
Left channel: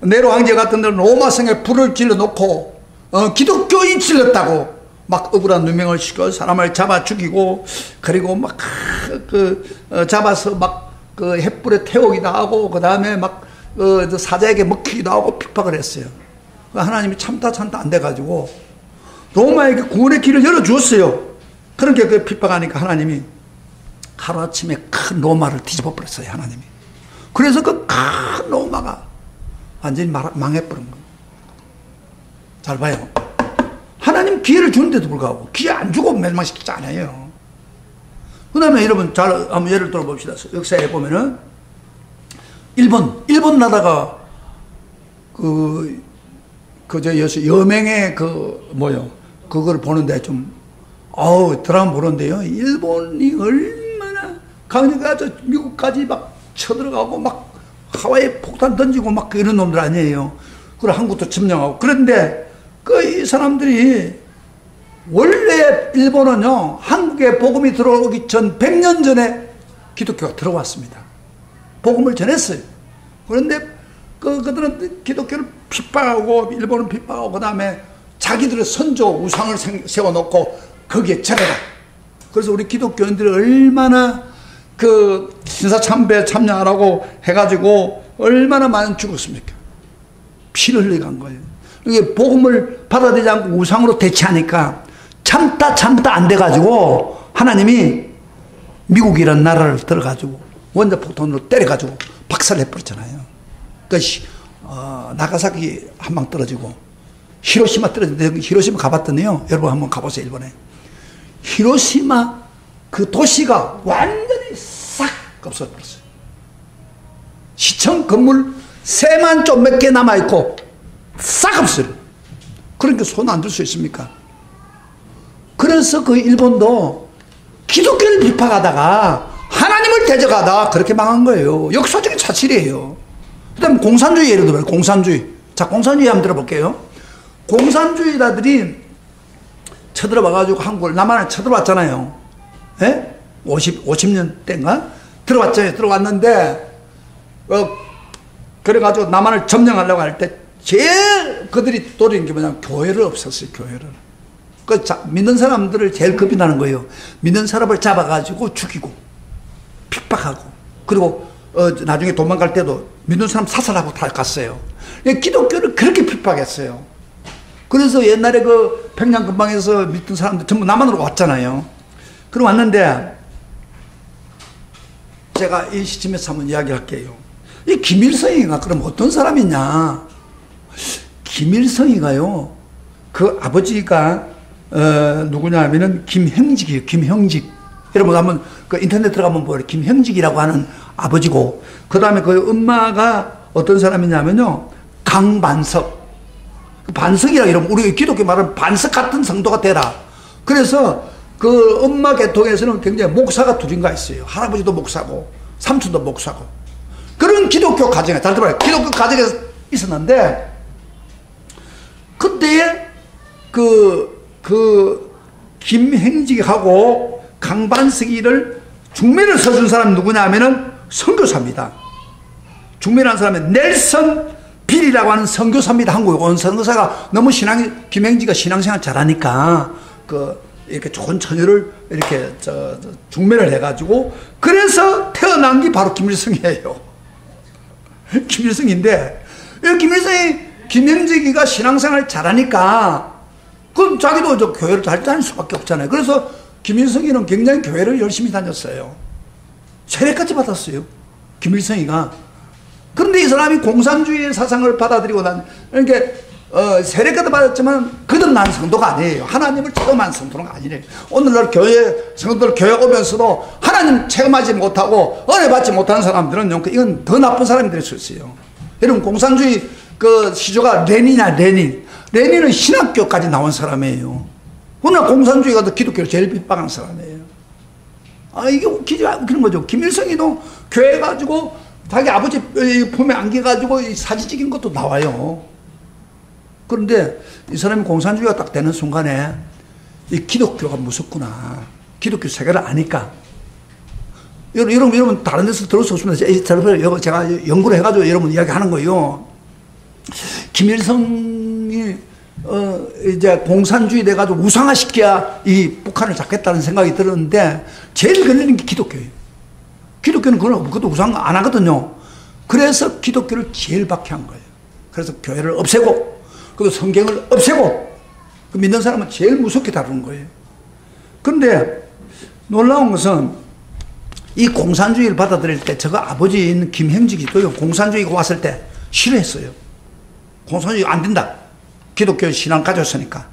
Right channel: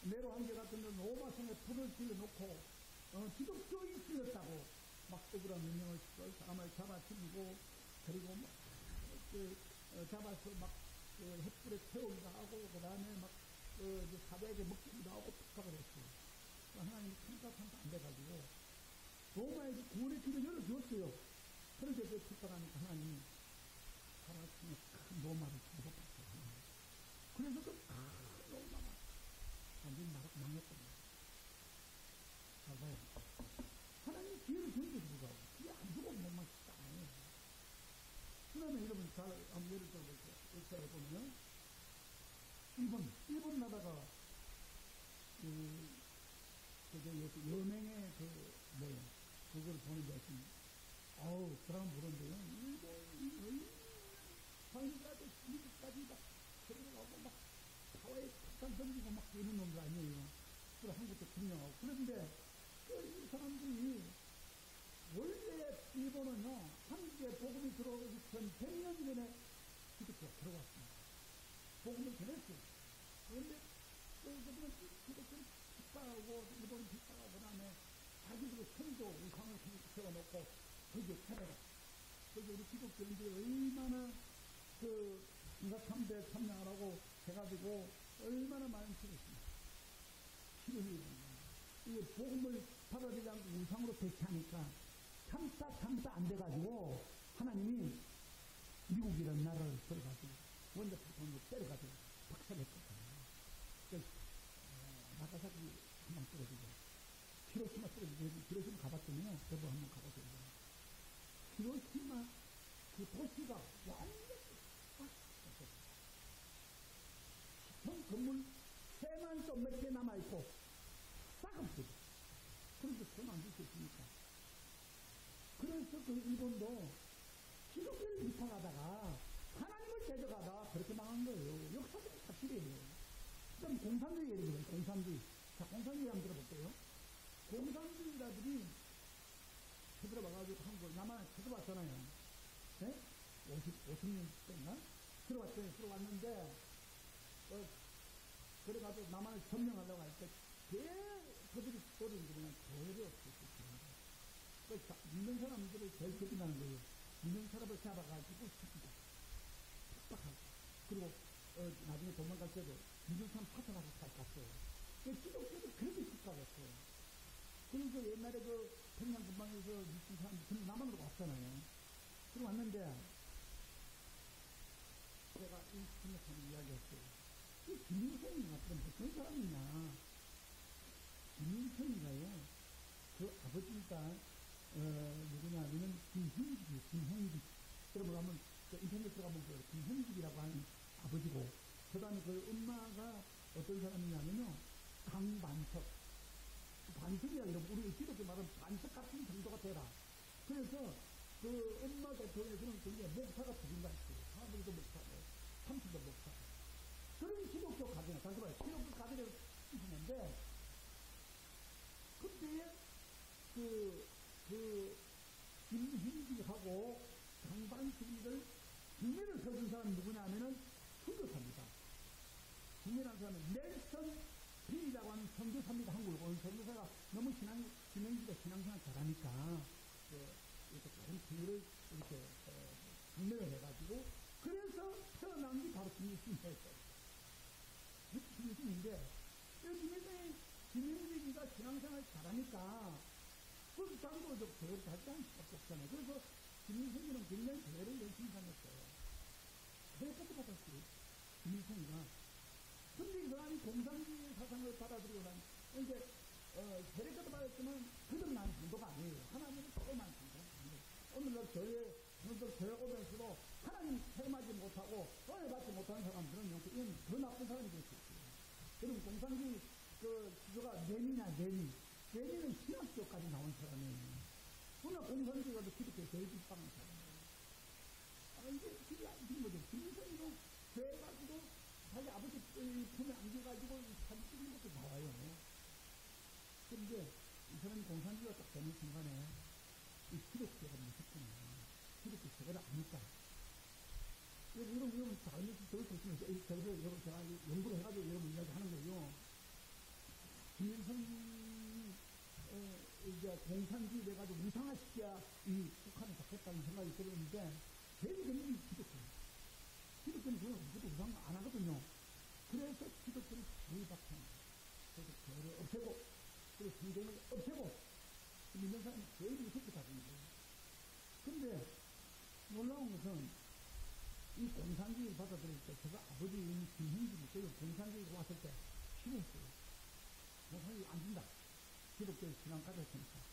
네로 황제 같은 데는 로마 성에 불을 질러 놓고 기독교인 질렀다고 막 억울한 누명을 시켜 사람을 잡아 죽이고, 그리고 막 잡아서 막 그 횃불에 태우기도 하고, 그 다음에 막 사자에게 먹히기도 하고 핍박을 했어요. 하나님이 참다 안 돼가지고 로마에게 구원의 길을 열어주었어요. 그렇게 그 핍박하니까 하나님이 하루아침에 큰 로마를 뒤집어 버렸어요. 하나님이. 그래서 그 큰 로마가 완전히 망해버린 거예요. 잘 봐요. 하나님 기회를 주는데도 불구하고 기회 안 주고 멸망시키지 않아요. 그 다음에 여러분 잘 한번 예를 들어 봅시다. 역사에 보면은 일본 나라가 여맹의 그걸 보는데 좀 드라마 보는데요. 일본이 얼마나 강력해서 미국까지 막 쳐들어가고 막 하와이에 폭탄 던지고 막 이런 놈들 아니에요. 그리고 한국도 점령하고. 그런데 이 사람들이 원래 일본은요, 한국에 복음이 들어오기 전 100년 전에 기독교가 들어왔습니다. 복음을 전했어요. 그런데 그들은 기독교를 핍박하고, 일본은 핍박하고, 그 다음에 자기들의 선조 우상을 세워놓고 거기에 전해라. 그래서 우리 기독교인들이 얼마나 그 신사참배에 참여하라고 해가지고 얼마나 많이 죽었습니까? 피를 흘리게 한 거예요. 이게 복음을 받아들이지 않고 우상으로 대체하니까 참다 안 돼가지고 하나님이 미국이라는 나라를 들어가지고 원자폭탄으로 때려가지고 박살내버렸잖아요. 그러니까 나가사키 한 방 떨어지고 히로시마 떨어지는데, 히로시마 가봤더니요, 여러분 한번 가보세요. 일본에 히로시마 그 도시가 완전히 싹 없어졌어요. 시청 건물 새만 좀 몇 개 남아있고 싹 없어요. 그러니까 손 안 들 수 있습니까? 그래서 그 일본도 기독교를 비판하다가 하나님을 대적하다 그렇게 망한 거예요. 역사적인 사실이에요. 그 다음에 공산주의 예를 들어요. 공산주의. 자, 공산주의 한번 들어볼게요. 공산주의자들이 쳐들어와가지고 한국을, 남한을 쳐들어왔잖아요. 예? 50년 때인가? 들어왔잖아요. 들어왔는데, 그래가지고 남한을 점령하려고 할 때 제일 그들이 노린 게 뭐냐면 교회를 없앴어요. 교회를. 믿는 사람들을 제일 겁이 나는 거예요. 믿는 사람을 잡아가지고 죽이고 핍박하고, 그리고 나중에 도망갈 때도 믿는 사람 사살하고 다 갔어요. 기독교를 그렇게 핍박했어요. 그래서 옛날에 그 평양 근방에서 믿던 사람들 전부 남한으로 왔잖아요. 그럼 왔는데 제가 이 시점에서 한번 이야기할게요. 이 김일성이가 그럼 어떤 사람이냐? 김일성이가요, 그 아버지가 누구냐 하면은 김형직이에요. 김형직. 여러분 한번 그 인터넷 들어가면 보여요. 김형직이라고 하는 아버지고, 그 다음에 그 엄마가 어떤 사람이냐면요, 강반석. 반석이라 이러면 우리 기독교 말은 반석 같은 성도가 되라. 그래서 그 엄마 계통에서는 굉장히 목사가 둘인가 있어요. 할아버지도 목사고 삼촌도 목사고. 그런 기독교 가정에, 잘 들어봐요. 기독교 가정에 있었는데, 그때에 김행직하고 강반석이를 중매를 서준 사람이 누구냐 하면은 선교사입니다. 중매라는 사람은 넬슨 빌이라고 하는 선교사입니다. 한국에 온 선교사가 너무 김행지가 신앙생활 잘하니까 이렇게 좋은 처녀를 이렇게 중매를 해가지고, 그래서 태어난 게 바로 김일성이에요. 김일성인데, 김행지가 신앙생활 잘하니까 그럼 자기도 저 교회를 잘 다닐 수밖에 없잖아요. 그래서 김일성이는 굉장히 교회를 열심히 다녔어요. 세례까지 받았어요. 김일성이가. 그런데 이 사람이 공산주의의 사상을 받아들이고 그러니까 세례까지 받았지만 거듭난 성도가 아니에요. 하나님을 체험한 성도는 아니래요. 오늘날 성도들 교회 오면서도 하나님 체험하지 못하고 은혜 받지 못하는 사람들은 이건 더 나쁜 사람이 될 수 있어요. 여러분, 공산주의 시조가 레닌이야, 레닌. 레닌은 신학교까지 나온 사람이에요. 오늘 공산주의가 더 기독교를 제일 핍박하는 사람이에요. 이게 웃기는 거죠. 김일성이도 교회 가지고 자기 아버지 품에 안겨가지고 사진 찍은 것도 나와요. 그런데 이 사람이 공산주의가 딱 되는 순간에 이 기독교가 무섭구나. 기독교 세계를 아니까. 여러분 다른 데서 들을 수 없습니다. 제가 연구를 해가지고 여러분 이야기하는 거예요. 김일성이 이제 공산주의 돼가지고 우상화시켜야 이 북한을 잡겠다는 생각이 들었는데 제일 걸리는 게 기독교예요. 기독교는 그것도 우상 안 하거든요. 그래서 기독교를 제일 박해한 거예요. 그래서 교회를 없애고, 그리고 성경을 없애고, 믿는 사람은 제일 무섭게 다루는 거예요. 그런데 놀라운 것은 이 공산주의를 받아들일 때 저거 아버지인 김행직이도요, 공산주의가 왔을 때 싫어했어요. 공산주의 안 된다. 기독교 신앙 가졌으니까.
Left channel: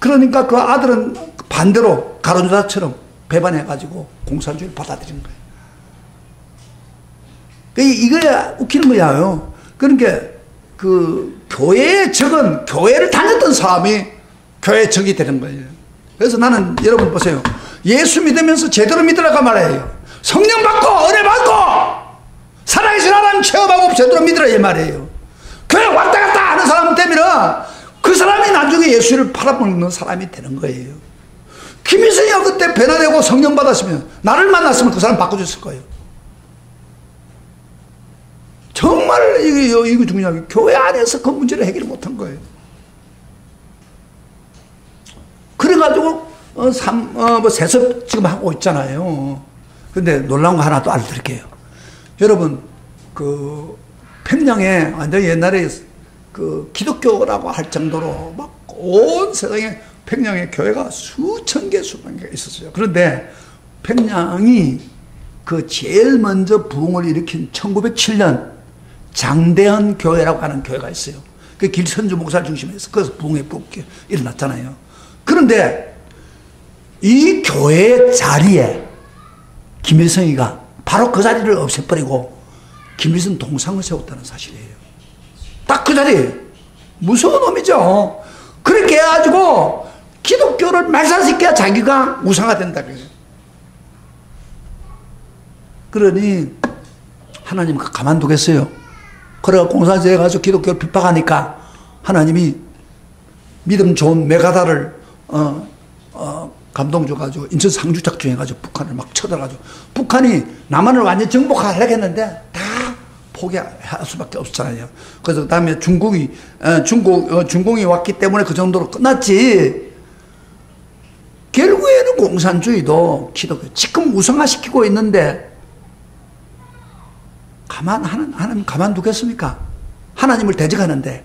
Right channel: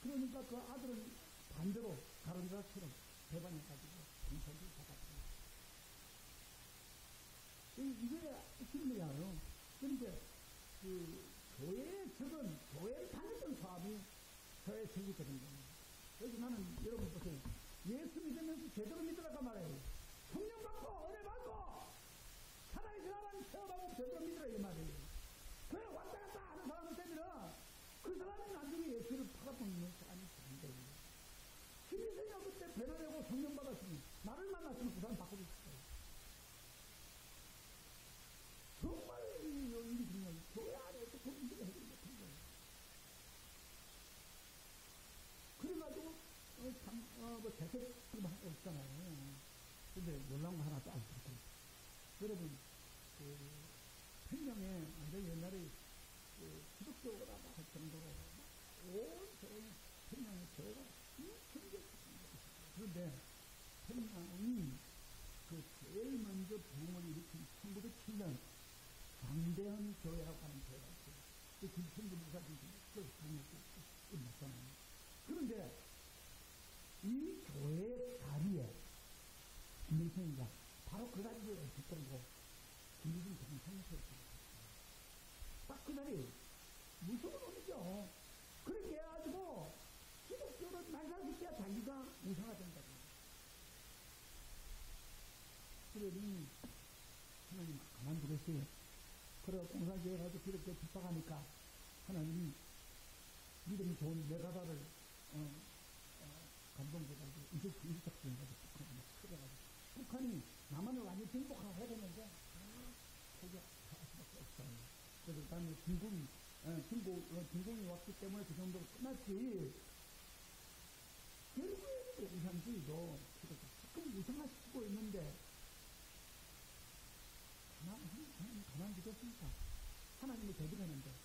그러니까 그 아들은 반대로 가론유다처럼 배반해가지고 공산주의를 받아들인 거예요. 이거야 웃기는 거야요. 그러니까 그 교회의 적은 교회를 다녔던 사람이 교회의 적이 되는 거예요. 그래서 나는 여러분 보세요. 예수 믿으면서 제대로 믿으라고 말해요. 성령 받고 은혜 받고 살아계신 하나님 체험하고 제대로 믿으라 이 말이에요. 교회 왔다 갔다 하는 사람 되면 그 사람이 나중에 예수를 팔아먹는 사람이 되는 거예요. 김일성이가 그때 변화되고 성령 받았으면, 나를 만났으면 그 사람 바꿔줬을 거예요. 정말 이거 중요하게 교회 안에서 그 문제를 해결 못한 거예요. 그래가지고 세습 지금 하고 있잖아요. 근데 놀라운 거 하나 또 알려드릴게요. 여러분, 그 평양에 완전 옛날에 그 기독교라고 할 정도로 막 온 세상에 평양에 교회가 수천 개 있었어요. 그런데 평양이 그 제일 먼저 부흥을 일으킨 1907년 장대현 교회라고 하는 교회가 있어요. 그 길선주 목사를 중심으로 해서 거기서 부흥의 복이 일어났잖아요. 그런데 이 교회의 자리에 김일성이가 바로 그 자리를 없애버리고 김일성 동상을 세웠다는 사실이에요. 딱 그 자리에. 무서운 놈이죠. 그렇게 해가지고 기독교를 말살시켜야 자기가 우상화된다. 그러니 하나님은 가만두겠어요. 그래가 공산주의에 가서 기독교를 핍박하니까 하나님이 믿음 좋은 메가다를 감동 줘가지고 인천 상주 작전해가지고 북한을 막 쳐들어가지고 북한이 남한을 완전히 정복하려고 했는데 다 포기할 수밖에 없었잖아요. 그래서 그 다음에 중공이 왔기 때문에 그 정도로 끝났지. 결국에는 공산주의도 기독교 지금 우상화시키고 있는데 하나님 가만두겠습니까? 하나님을 대적하는데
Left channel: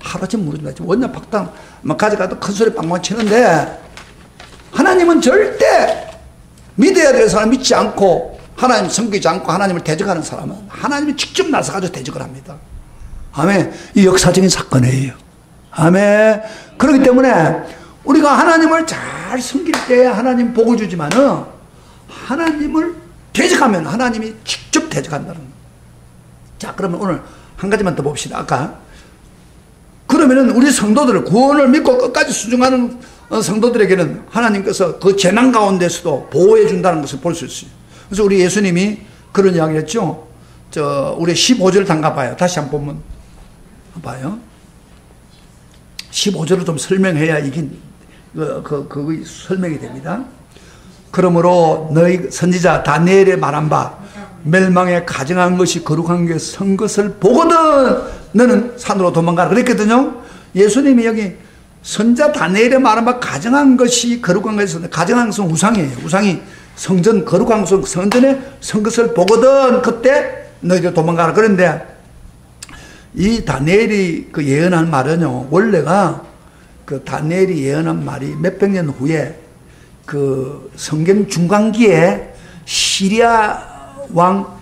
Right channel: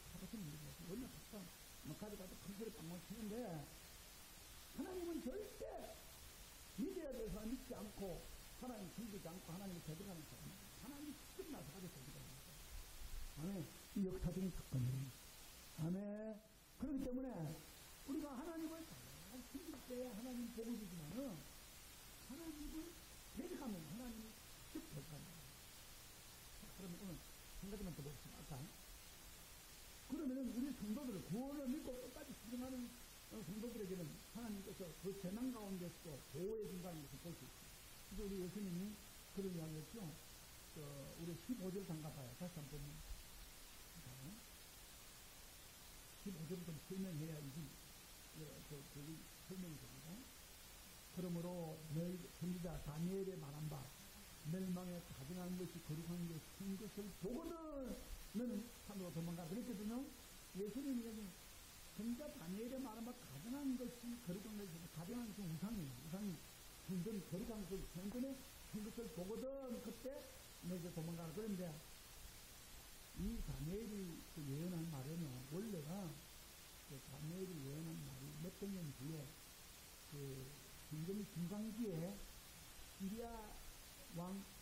하루아침 무너진다. 원년 박당 가져가도 큰 소리 빵빵 치는데 하나님은 절대 믿어야 될 사람 믿지 않고 하나님 섬기지 않고 하나님을 대적하는 사람은 하나님이 직접 나서가지고 대적을 합니다. 아멘. 이 역사적인 사건이에요. 아멘. 그렇기 때문에 우리가 하나님을 잘 섬길 때 하나님 복을 주지만은 하나님을 대적하면 하나님이 직접 대적한다는 거예요. 자, 그러면 오늘 한 가지만 더 봅시다. 아까 그러면은 우리 성도들을 구원을 믿고 끝까지 순종하는 성도들에게는 하나님께서 그 재난 가운데서도 보호해 준다는 것을 볼 수 있어요. 그래서 우리 예수님이 그런 이야기를 했죠. 우리 15절 담가봐요. 다시 한번 보면 봐요. 15절을 좀 설명해야 이게 그 설명이 됩니다. 그러므로 너희 선지자 다니엘의 말한 바 멸망에 가증한 것이 거룩한 게 선 것을 보거든 너는 산으로 도망가라 그랬거든요. 예수님이 여기 선자 다니엘의 말한 바 가증한 것이 거룩한 것이 가증한 것은 우상이에요. 우상이 성전 거룩한 것은 성전에 선 것을 보거든 그때 너희들 도망가라. 그런데 이 다니엘이 그 예언한 말은요, 원래가 그 다니엘이 예언한 말이 몇백 년 후에 그 성경 중간기에 시리아 왕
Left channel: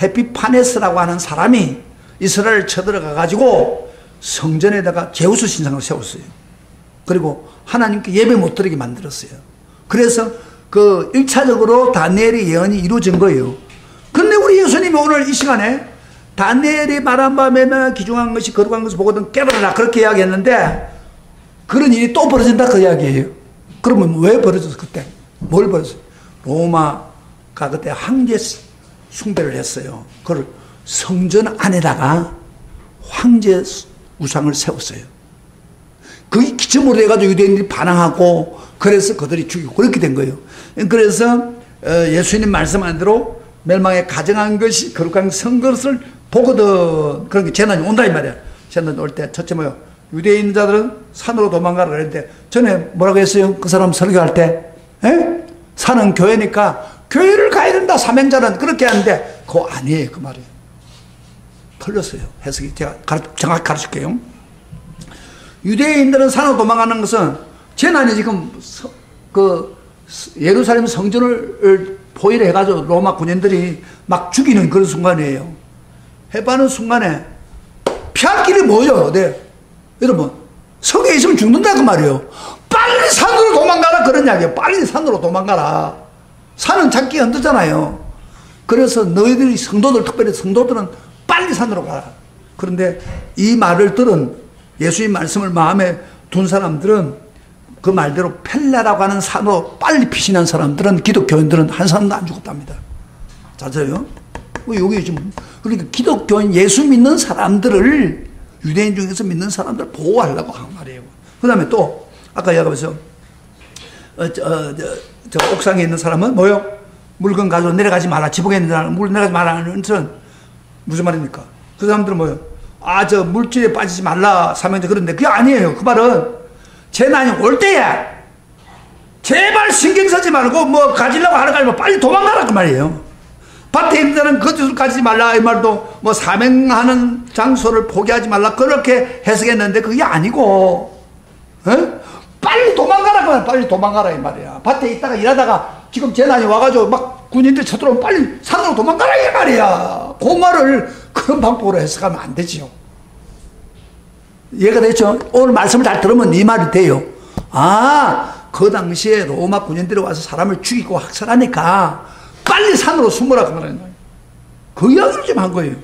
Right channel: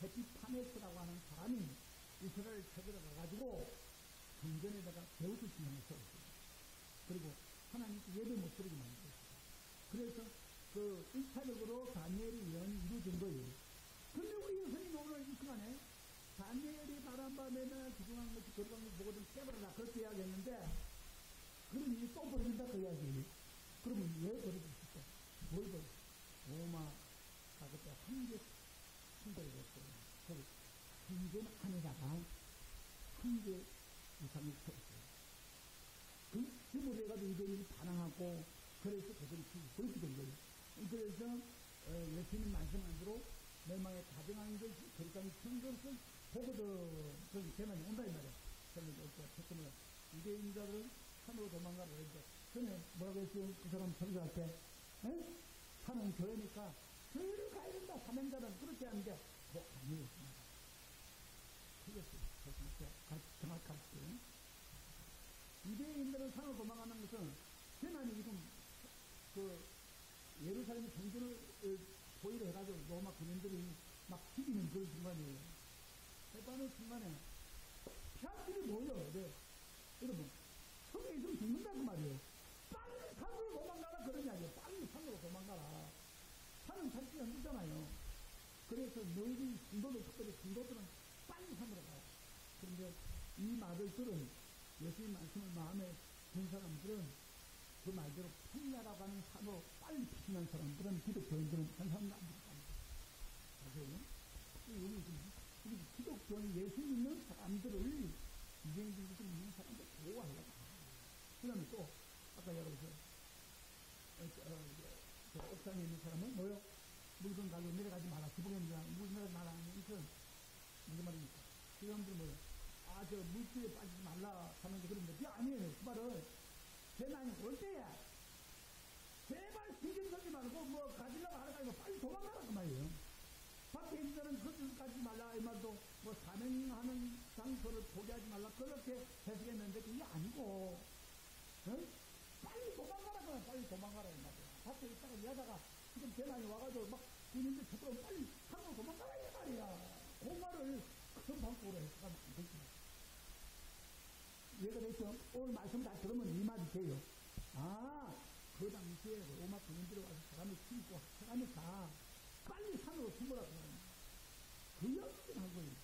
헤피파네스라고 하는 사람이 이스라엘을 쳐들어가 가지고 성전에다가 제우스 신상을 세웠어요. 그리고 하나님께 예배 못 드리게 만들었어요. 그래서 그 1차적으로 다니엘의 예언이 이루어진 거예요. 그런데 우리 예수님이 오늘 이 시간에 다니엘이 말한 바에 기중한 것이 거룩한 것을 보거든 깨달아라 그렇게 이야기했는데 그런 일이 또 벌어진다 그 이야기예요. 그러면 왜 벌어졌어 그때? 뭘 벌어졌어요? 로마가 그때 황제 숭배를 했어요. 그걸 성전 안에다가 황제 우상을 세웠어요. 그게 기점으로 해가지고 유대인들이 반항하고 그래서 그들이 죽이고 그렇게 된 거예요. 그래서 예수님 말씀한 대로 멸망에 가정한 것이 거룩한 성것을 보거든. 그런 게 재난이 온다 이 말이야. 재난이 올 때 첫째 뭐요? 유대인자들은 산으로 도망가라 그랬는데 전에 뭐라고 했어요? 그 사람 설교할 때 에? 산은 교회니까 교회를 가야 된다 사명자는 그렇게 하는데 그거 아니에요 그 말이에요. 틀렸어요. 해석이 제가 정확히 가르칠게요. 유대인들은 산으로 도망가는 것은 재난이 지금 그 예루살렘 성전을 포위를 해가지고 로마 군인들이 막 죽이는 그런 순간이에요. 해바는 순간에 피할 길이 뭐예요? 네. 여러분 성에 있으면 죽는다 그 말이에요. 빨리 산으로 도망가라 그런 이야기예요. 빨리 산으로 도망가라. 산은 잡기 힘들잖아요. 그래서 너희들이 성도들 특별히 성도들은 빨리 산으로 가라. 그런데 이 말을 들은 예수의 말씀을 마음에 둔 사람들은 그 말대로 펠라라고 하는 산으로 빨리 피신한 사람들은 기독교인들은 한 사람도 안 죽었답니다. 맞아요? 여기 지금 그러니까 기독교인 예수 믿는 사람들을 유대인 중에서 믿는 사람들을 보호하려고 한 말이에요. 그 다음에 또 아까 얘기하면서 저 옥상에 있는 사람은 뭐요? 물건 가지고 내려가지 마라. 지붕에 있는 사람은 물 내려가지 마라 하는 것은 무슨 말입니까? 그 사람들은 뭐요? 아, 저 물질에 빠지지 말라 사명자 그런데 그게 아니에요. 그 말은 재난이 올 때에 제발 신경 쓰지 말고 뭐 가지려고 하는 거 아니면 빨리 도망가라 그 말이에요. 밭에 있는 자는 거짓을 가지지 말라 이 말도 뭐 사명하는 장소를 포기하지 말라 그렇게 해석했는데 그게 아니고 빨리 도망가라 그 말이야. 빨리 도망가라 이 말이야. 밭에 있다가 일하다가 지금 재난이 와가지고 막 군인들 쳐들어오면 빨리 산으로 도망가라 이 말이야. 그 말을 그런 방법으로 해석하면 안 되지요. 이해가 됐죠? 오늘 말씀을 잘 들으면 이 말이 돼요. 아, 그 당시에 로마 군인들이 와서 사람을 죽이고 학살하니까 빨리 산으로 숨으라 그 말이에요. 그 이야기를 좀 한 거예요.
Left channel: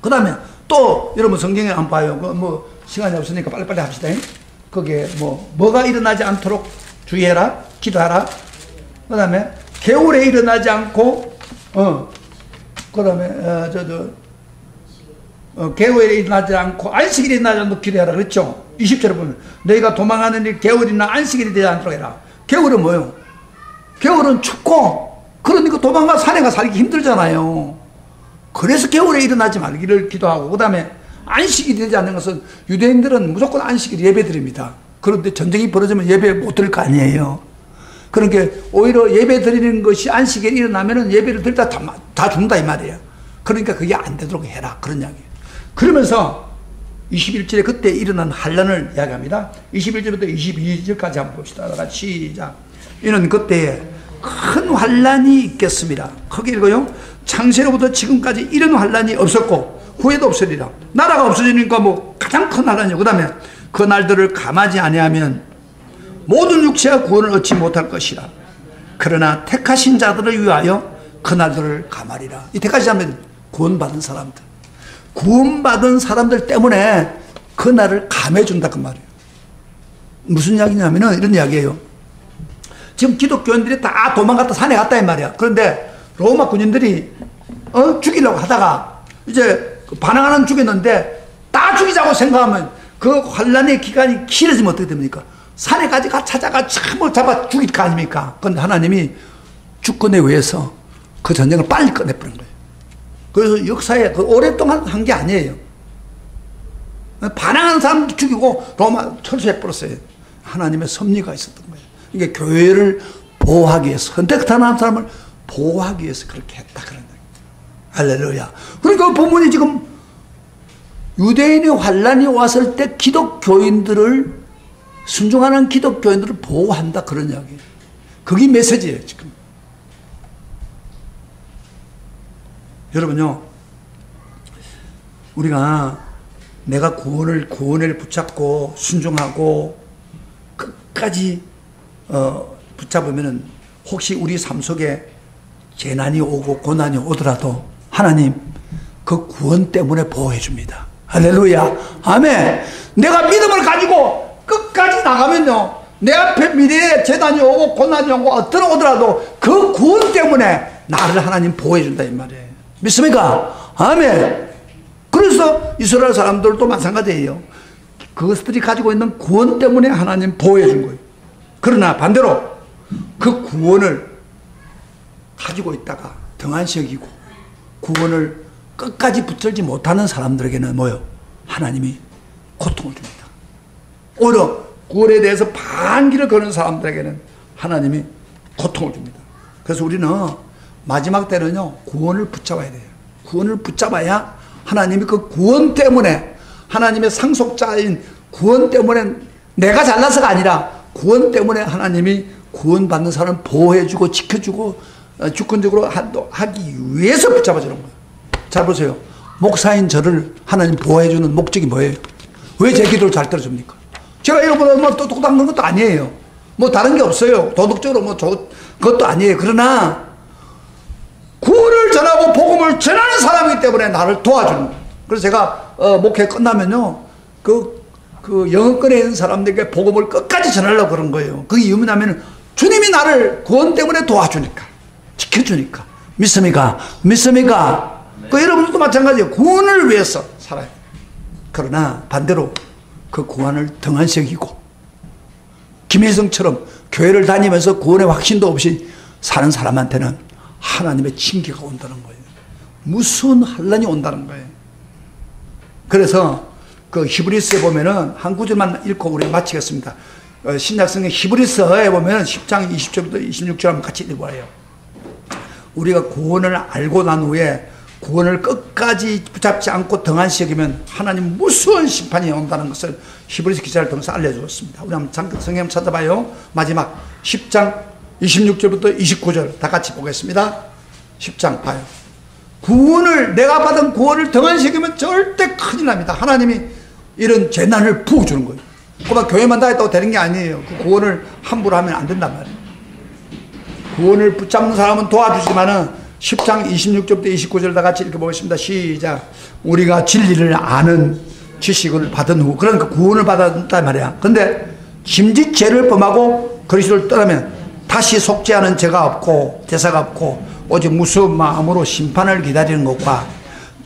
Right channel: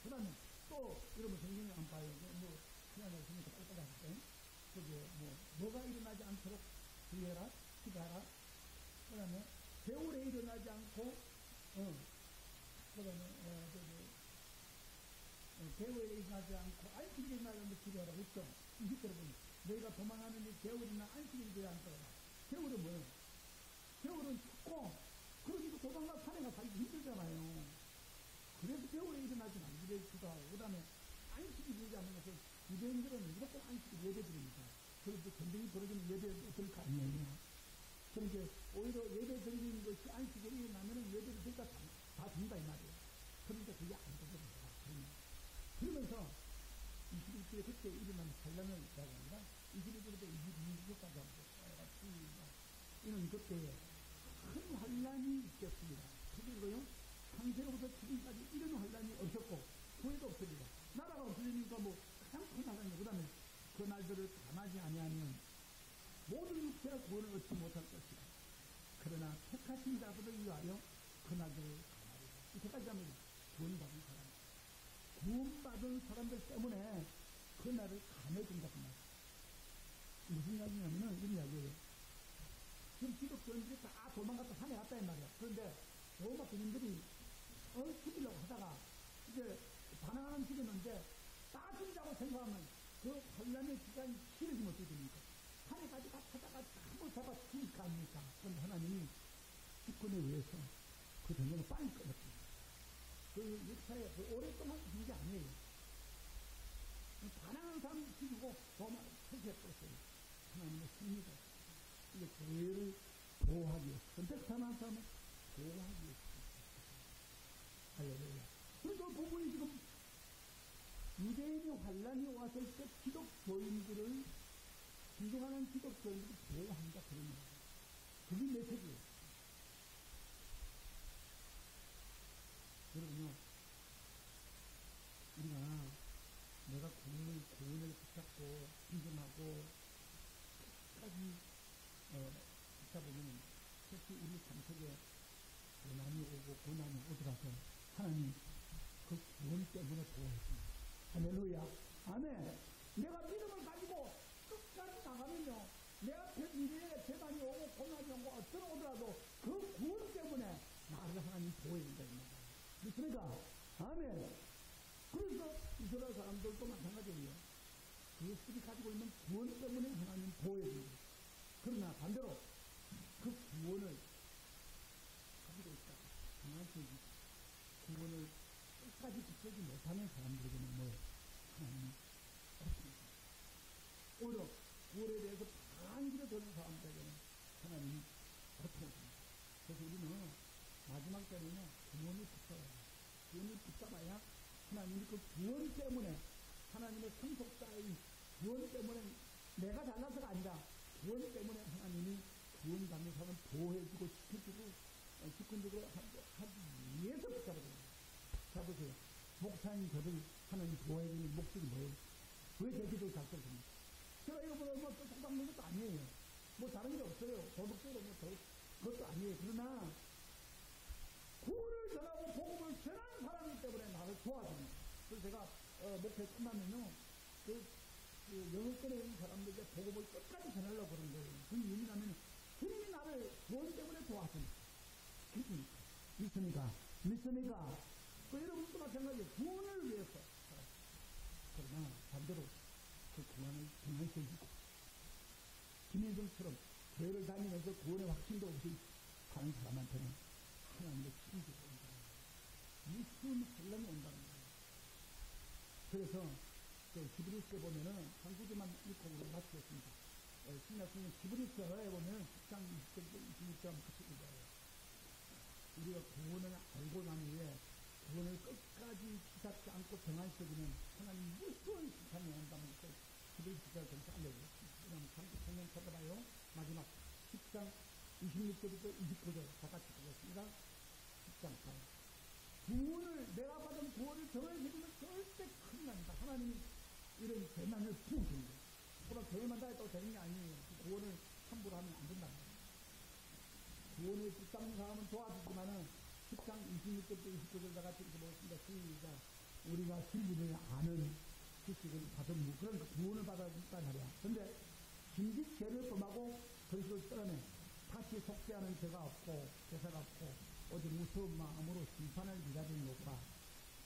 그 다음에 또 여러분 성경에 안 봐요. 뭐 시간이 없으니까 빨리빨리 합시다. 거기에 뭐가 일어나지 않도록 주의해라, 기도하라. 그 다음에 겨울에 일어나지 않고 그 다음에 겨울에 일어나지 않고 안식일에 일어나지 않도록 기도해라 그랬죠. 20절에 보면 너희가 도망하는 일 겨울이나 안식일이 되지 않도록 해라. 겨울은 뭐요? 겨울은 춥고 그러니까 도망가 산에 가 살기 힘들잖아요. 그래서 겨울에 일어나지 말기를 기도하고 그 다음에 안식일이 되지 않는 것은 유대인들은 무조건 안식일 예배 드립니다. 그런데 전쟁이 벌어지면 예배 못 드릴 거 아니에요. 그러니까 오히려 예배 드리는 것이 안식일에 일어나면은 예배를 드리다 다 죽는다 이 말이에요. 그러니까 그게 안 되도록 해라 그런 이야기예요. 그러면서 21절에 그때 일어난 환란을 이야기합니다. 21절부터 22절까지 한번 봅시다. 같이 시작. 이는 그때에 큰 환란이 있겠습니다. 크게 읽어요. 창세로부터 지금까지 이런 환란이 없었고 후에도 없으리라. 나라가 없어지니까 뭐 가장 큰 환란이요. 그 다음에 그 날들을 감하지 아니하면 모든 육체가 구원을 얻지 못할 것이라. 그러나 택하신 자들을 위하여 그 날들을 감하리라. 이 택하신 자는 구원받은 사람들. 구원받은 사람들 때문에 그 날을 감해준다 그 말이에요. 무슨 이야기냐면은 이런 이야기예요. 지금 기독교인들이 다 도망갔다 산에 갔다 이 말이야. 그런데 로마 군인들이 죽이려고 하다가 이제 반항하는 죽였는데 다 죽이자고 생각하면 그 환란의 기간이 길어지면 어떻게 됩니까? 산에까지 찾아가 참을 잡아 죽일 거 아닙니까? 그런데 하나님이 주권에 의해서 그 전쟁을 빨리 끝내버린 거예요. 그래서 역사에 그 오랫동안 한 게 아니에요. 반항하는 사람도 죽이고 로마 철수해버렸어요. 하나님의 섭리가 있었던 거예요. 이게 교회를 보호하기 위해서 선택하는 사람을 보호하기 위해서 그렇게 했다 그런 거예요. 할렐루야. 그러니까 그 본문이 지금 유대인의 환란이 왔을 때 기독교인들을 순종하는 기독교인들을 보호한다 그런 이야기예요. 그게 메시지예요 지금. 여러분요, 우리가 내가 구원을 붙잡고 순종하고 끝까지 붙잡으면은 혹시 우리 삶 속에 재난이 오고 고난이 오더라도 하나님 그 구원 때문에 보호해 줍니다. 할렐루야. 아멘. 내가 믿음을 가지고 끝까지 나가면요, 내 앞에 미래에 재난이 오고 고난이 오고 어떤 오더라도 그 구원 때문에 나를 하나님 보호해 준다 이 말이에요. 믿습니까? 아멘. 그래서 이스라엘 사람들도 마찬가지예요. 그것들이 가지고 있는 구원 때문에 하나님 보호해 준 거예요. 그러나 반대로 그 구원을 가지고 있다가 등한시 여기고 구원을 끝까지 붙들지 못하는 사람들에게는 뭐요? 하나님이 고통을 줍니다. 오히려 구원에 대해서 반기를 거는 사람들에게는 하나님이 고통을 줍니다. 그래서 우리는 마지막 때는요, 구원을 붙잡아야 돼요. 구원을 붙잡아야 하나님이 그 구원 때문에, 하나님의 상속자인 구원 때문에 내가 잘나서가 아니라 구원 때문에 하나님이 구원받는 사람을 보호해주고 지켜주고 주권적으로 하기 위해서 붙잡아주는 거예요. 잘 보세요. 목사인 저를 하나님 보호해주는 목적이 뭐예요? 왜 제 기도를 잘 들어줍니까? 제가 이거보다 뭐 똑똑한 그런 것도 아니에요. 뭐 다른 게 없어요. 도덕적으로 뭐 그것도 아니에요. 그러나 구원을 전하고 복음을 전하는 사람이기 때문에 나를 도와주는 거예요. 그래서 제가 목회 끝나면요, 그 영어권에 있는 사람들에게 복음을 끝까지 전하려고 그런 거예요. 그 이유는 뭐냐면 주님이 나를 구원 때문에 도와주니까, 지켜주니까. 믿습니까? 믿습니까? 그 여러분들도 마찬가지예요. 구원을 위해서 살아요. 그러나 반대로 그 구원을 등한시 여기고 김혜성처럼 교회를 다니면서 구원의 확신도 없이 사는 사람한테는 하나님의 징계가 온다는 거예요. 무서운 환난이 온다는 거예요. 그래서 그 히브리서에 보면은 한 구절만 읽고 우리 마치겠습니다. 신약성경 히브리서에 보면 10장 20절부터 26절 한번 같이 읽어봐요. 우리가 구원을 알고 난 후에 구원을 끝까지 붙잡지 않고 등한시 여기면 하나님 무서운 심판이 온다는 것을 히브리서 기자를 통해서 알려주었습니다. 우리 한번 성경 찾아봐요. 마지막 10장 26절부터 29절 다 같이 보겠습니다. 10장 봐요. 구원을, 내가 받은 구원을 등한시 여기면 절대 큰일 납니다. 하나님이 이런 재난을 부어주는 거예요. 그만 교회만 다녔다고 되는 게 아니에요. 그 구원을 함부로 하면 안 된단 말이에요. 구원을 붙잡는 사람은 도와주지만은 10장 26절부터 29절 다 같이 읽어보겠습니다. 시작. 우리가 진리를 아는 지식을 받은 후, 그러니까 구원을 받았단 말이야. 근데 짐짓 죄를 범하고 그리스도를 떠나면 다시 속죄하는 죄가 없고 대사가 없고 오직 무서운 마음으로 심판을 기다리는 것과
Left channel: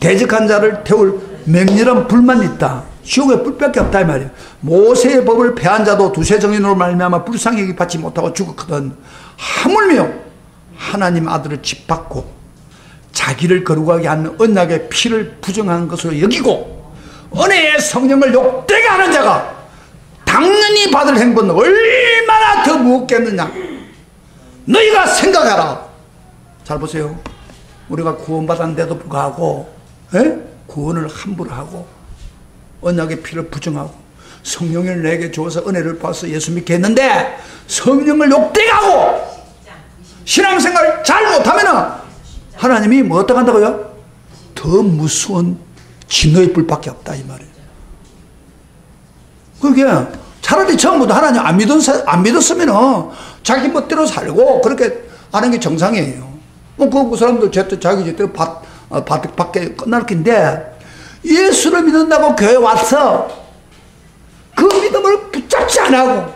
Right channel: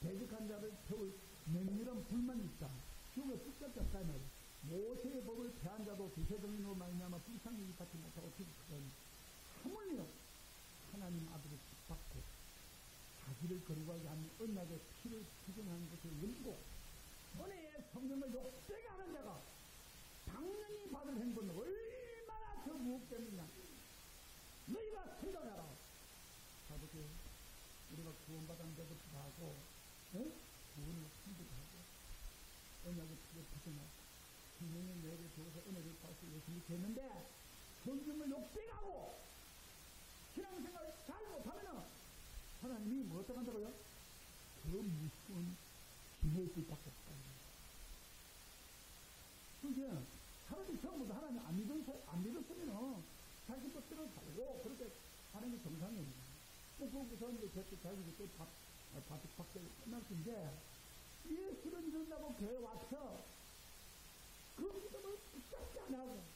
대적한 자를 태울 맹렬한 불만 있다. 지옥에 불밖에 없다 이 말이에요. 모세의 법을 폐한 자도 두세 정인으로 말미암아 불쌍히 여기 받지 못하고 죽었거든. 하물며 하나님 아들을 짓밟고 자기를 거룩하게 하는 언약의 피를 부정한 것으로 여기고 은혜의 성령을 욕되게 하는 자가 당연히 받을 행보는 얼마나 더 무겁겠느냐. 너희가 생각하라. 잘 보세요. 우리가 구원받았는데도 불구하고 구원을 함부로 하고 언약의 피를 부정하고 성령을 내게 주어서 은혜를 받아서 예수 믿게 했는데 성령을 욕되게 하고 신앙생활 잘 못하면은 하나님이 뭐 어떻게 한다고요? 더 무서운 진노의 불밖에 없다 이 말이에요. 그게 차라리 처음부터 하나님 안 믿었으면은 자기 멋대로 살고 그렇게 하는 게 정상이에요. 뭐 그 사람도 자기 제대로 받게 끝날 텐데 예수를 믿는다고 교회 와서 그 믿음을 붙잡지 안 하고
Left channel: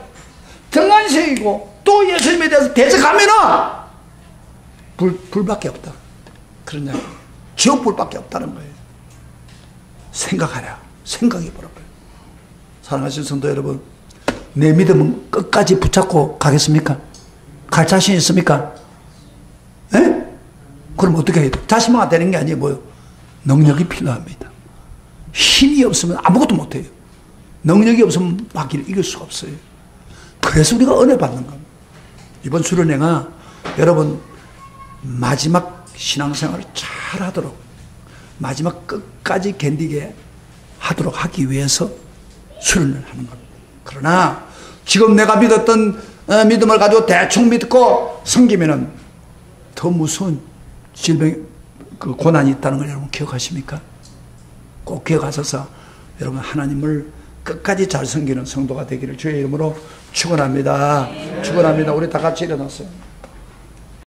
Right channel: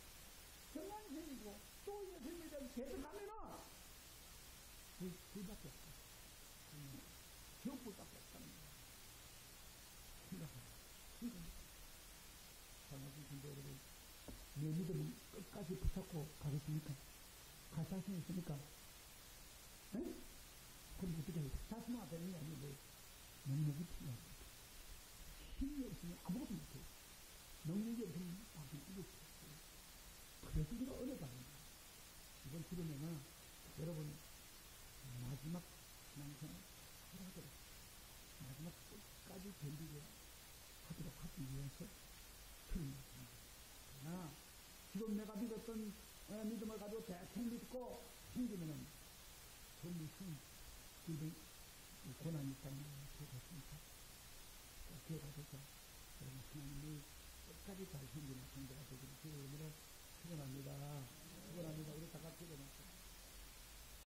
등한시이고 또 예수님에 대해서 대적하면은 불밖에 없다. 그러냐? 지옥불밖에 없다는 거예요. 생각하라. 생각해보라고요. 사랑하신 성도 여러분, 내 믿음은 끝까지 붙잡고 가겠습니까? 갈 자신 있습니까? 에? 그럼 어떻게 해야 돼? 자신만 되는 게 아니에요. 뭐요? 능력이 필요합니다. 힘이 없으면 아무것도 못해요. 능력이 없으면 마귀를 이길 수가 없어요. 그래서 우리가 은혜 받는 겁니다. 이번 수련회가 여러분 마지막 신앙생활을 잘 하도록, 마지막 끝까지 견디게 하도록 하기 위해서 수련을 하는 겁니다. 그러나 지금 내가 믿었던 믿음을 가지고 대충 믿고 섬기면은 더 무서운 질병 그 고난이 있다는 걸 여러분 기억하십니까? 꼭 기억하셔서 여러분 하나님을 끝까지 잘 섬기는 성도가 되기를 주의 이름으로 축원합니다. 축원합니다. 우리 다 같이 일어났어요.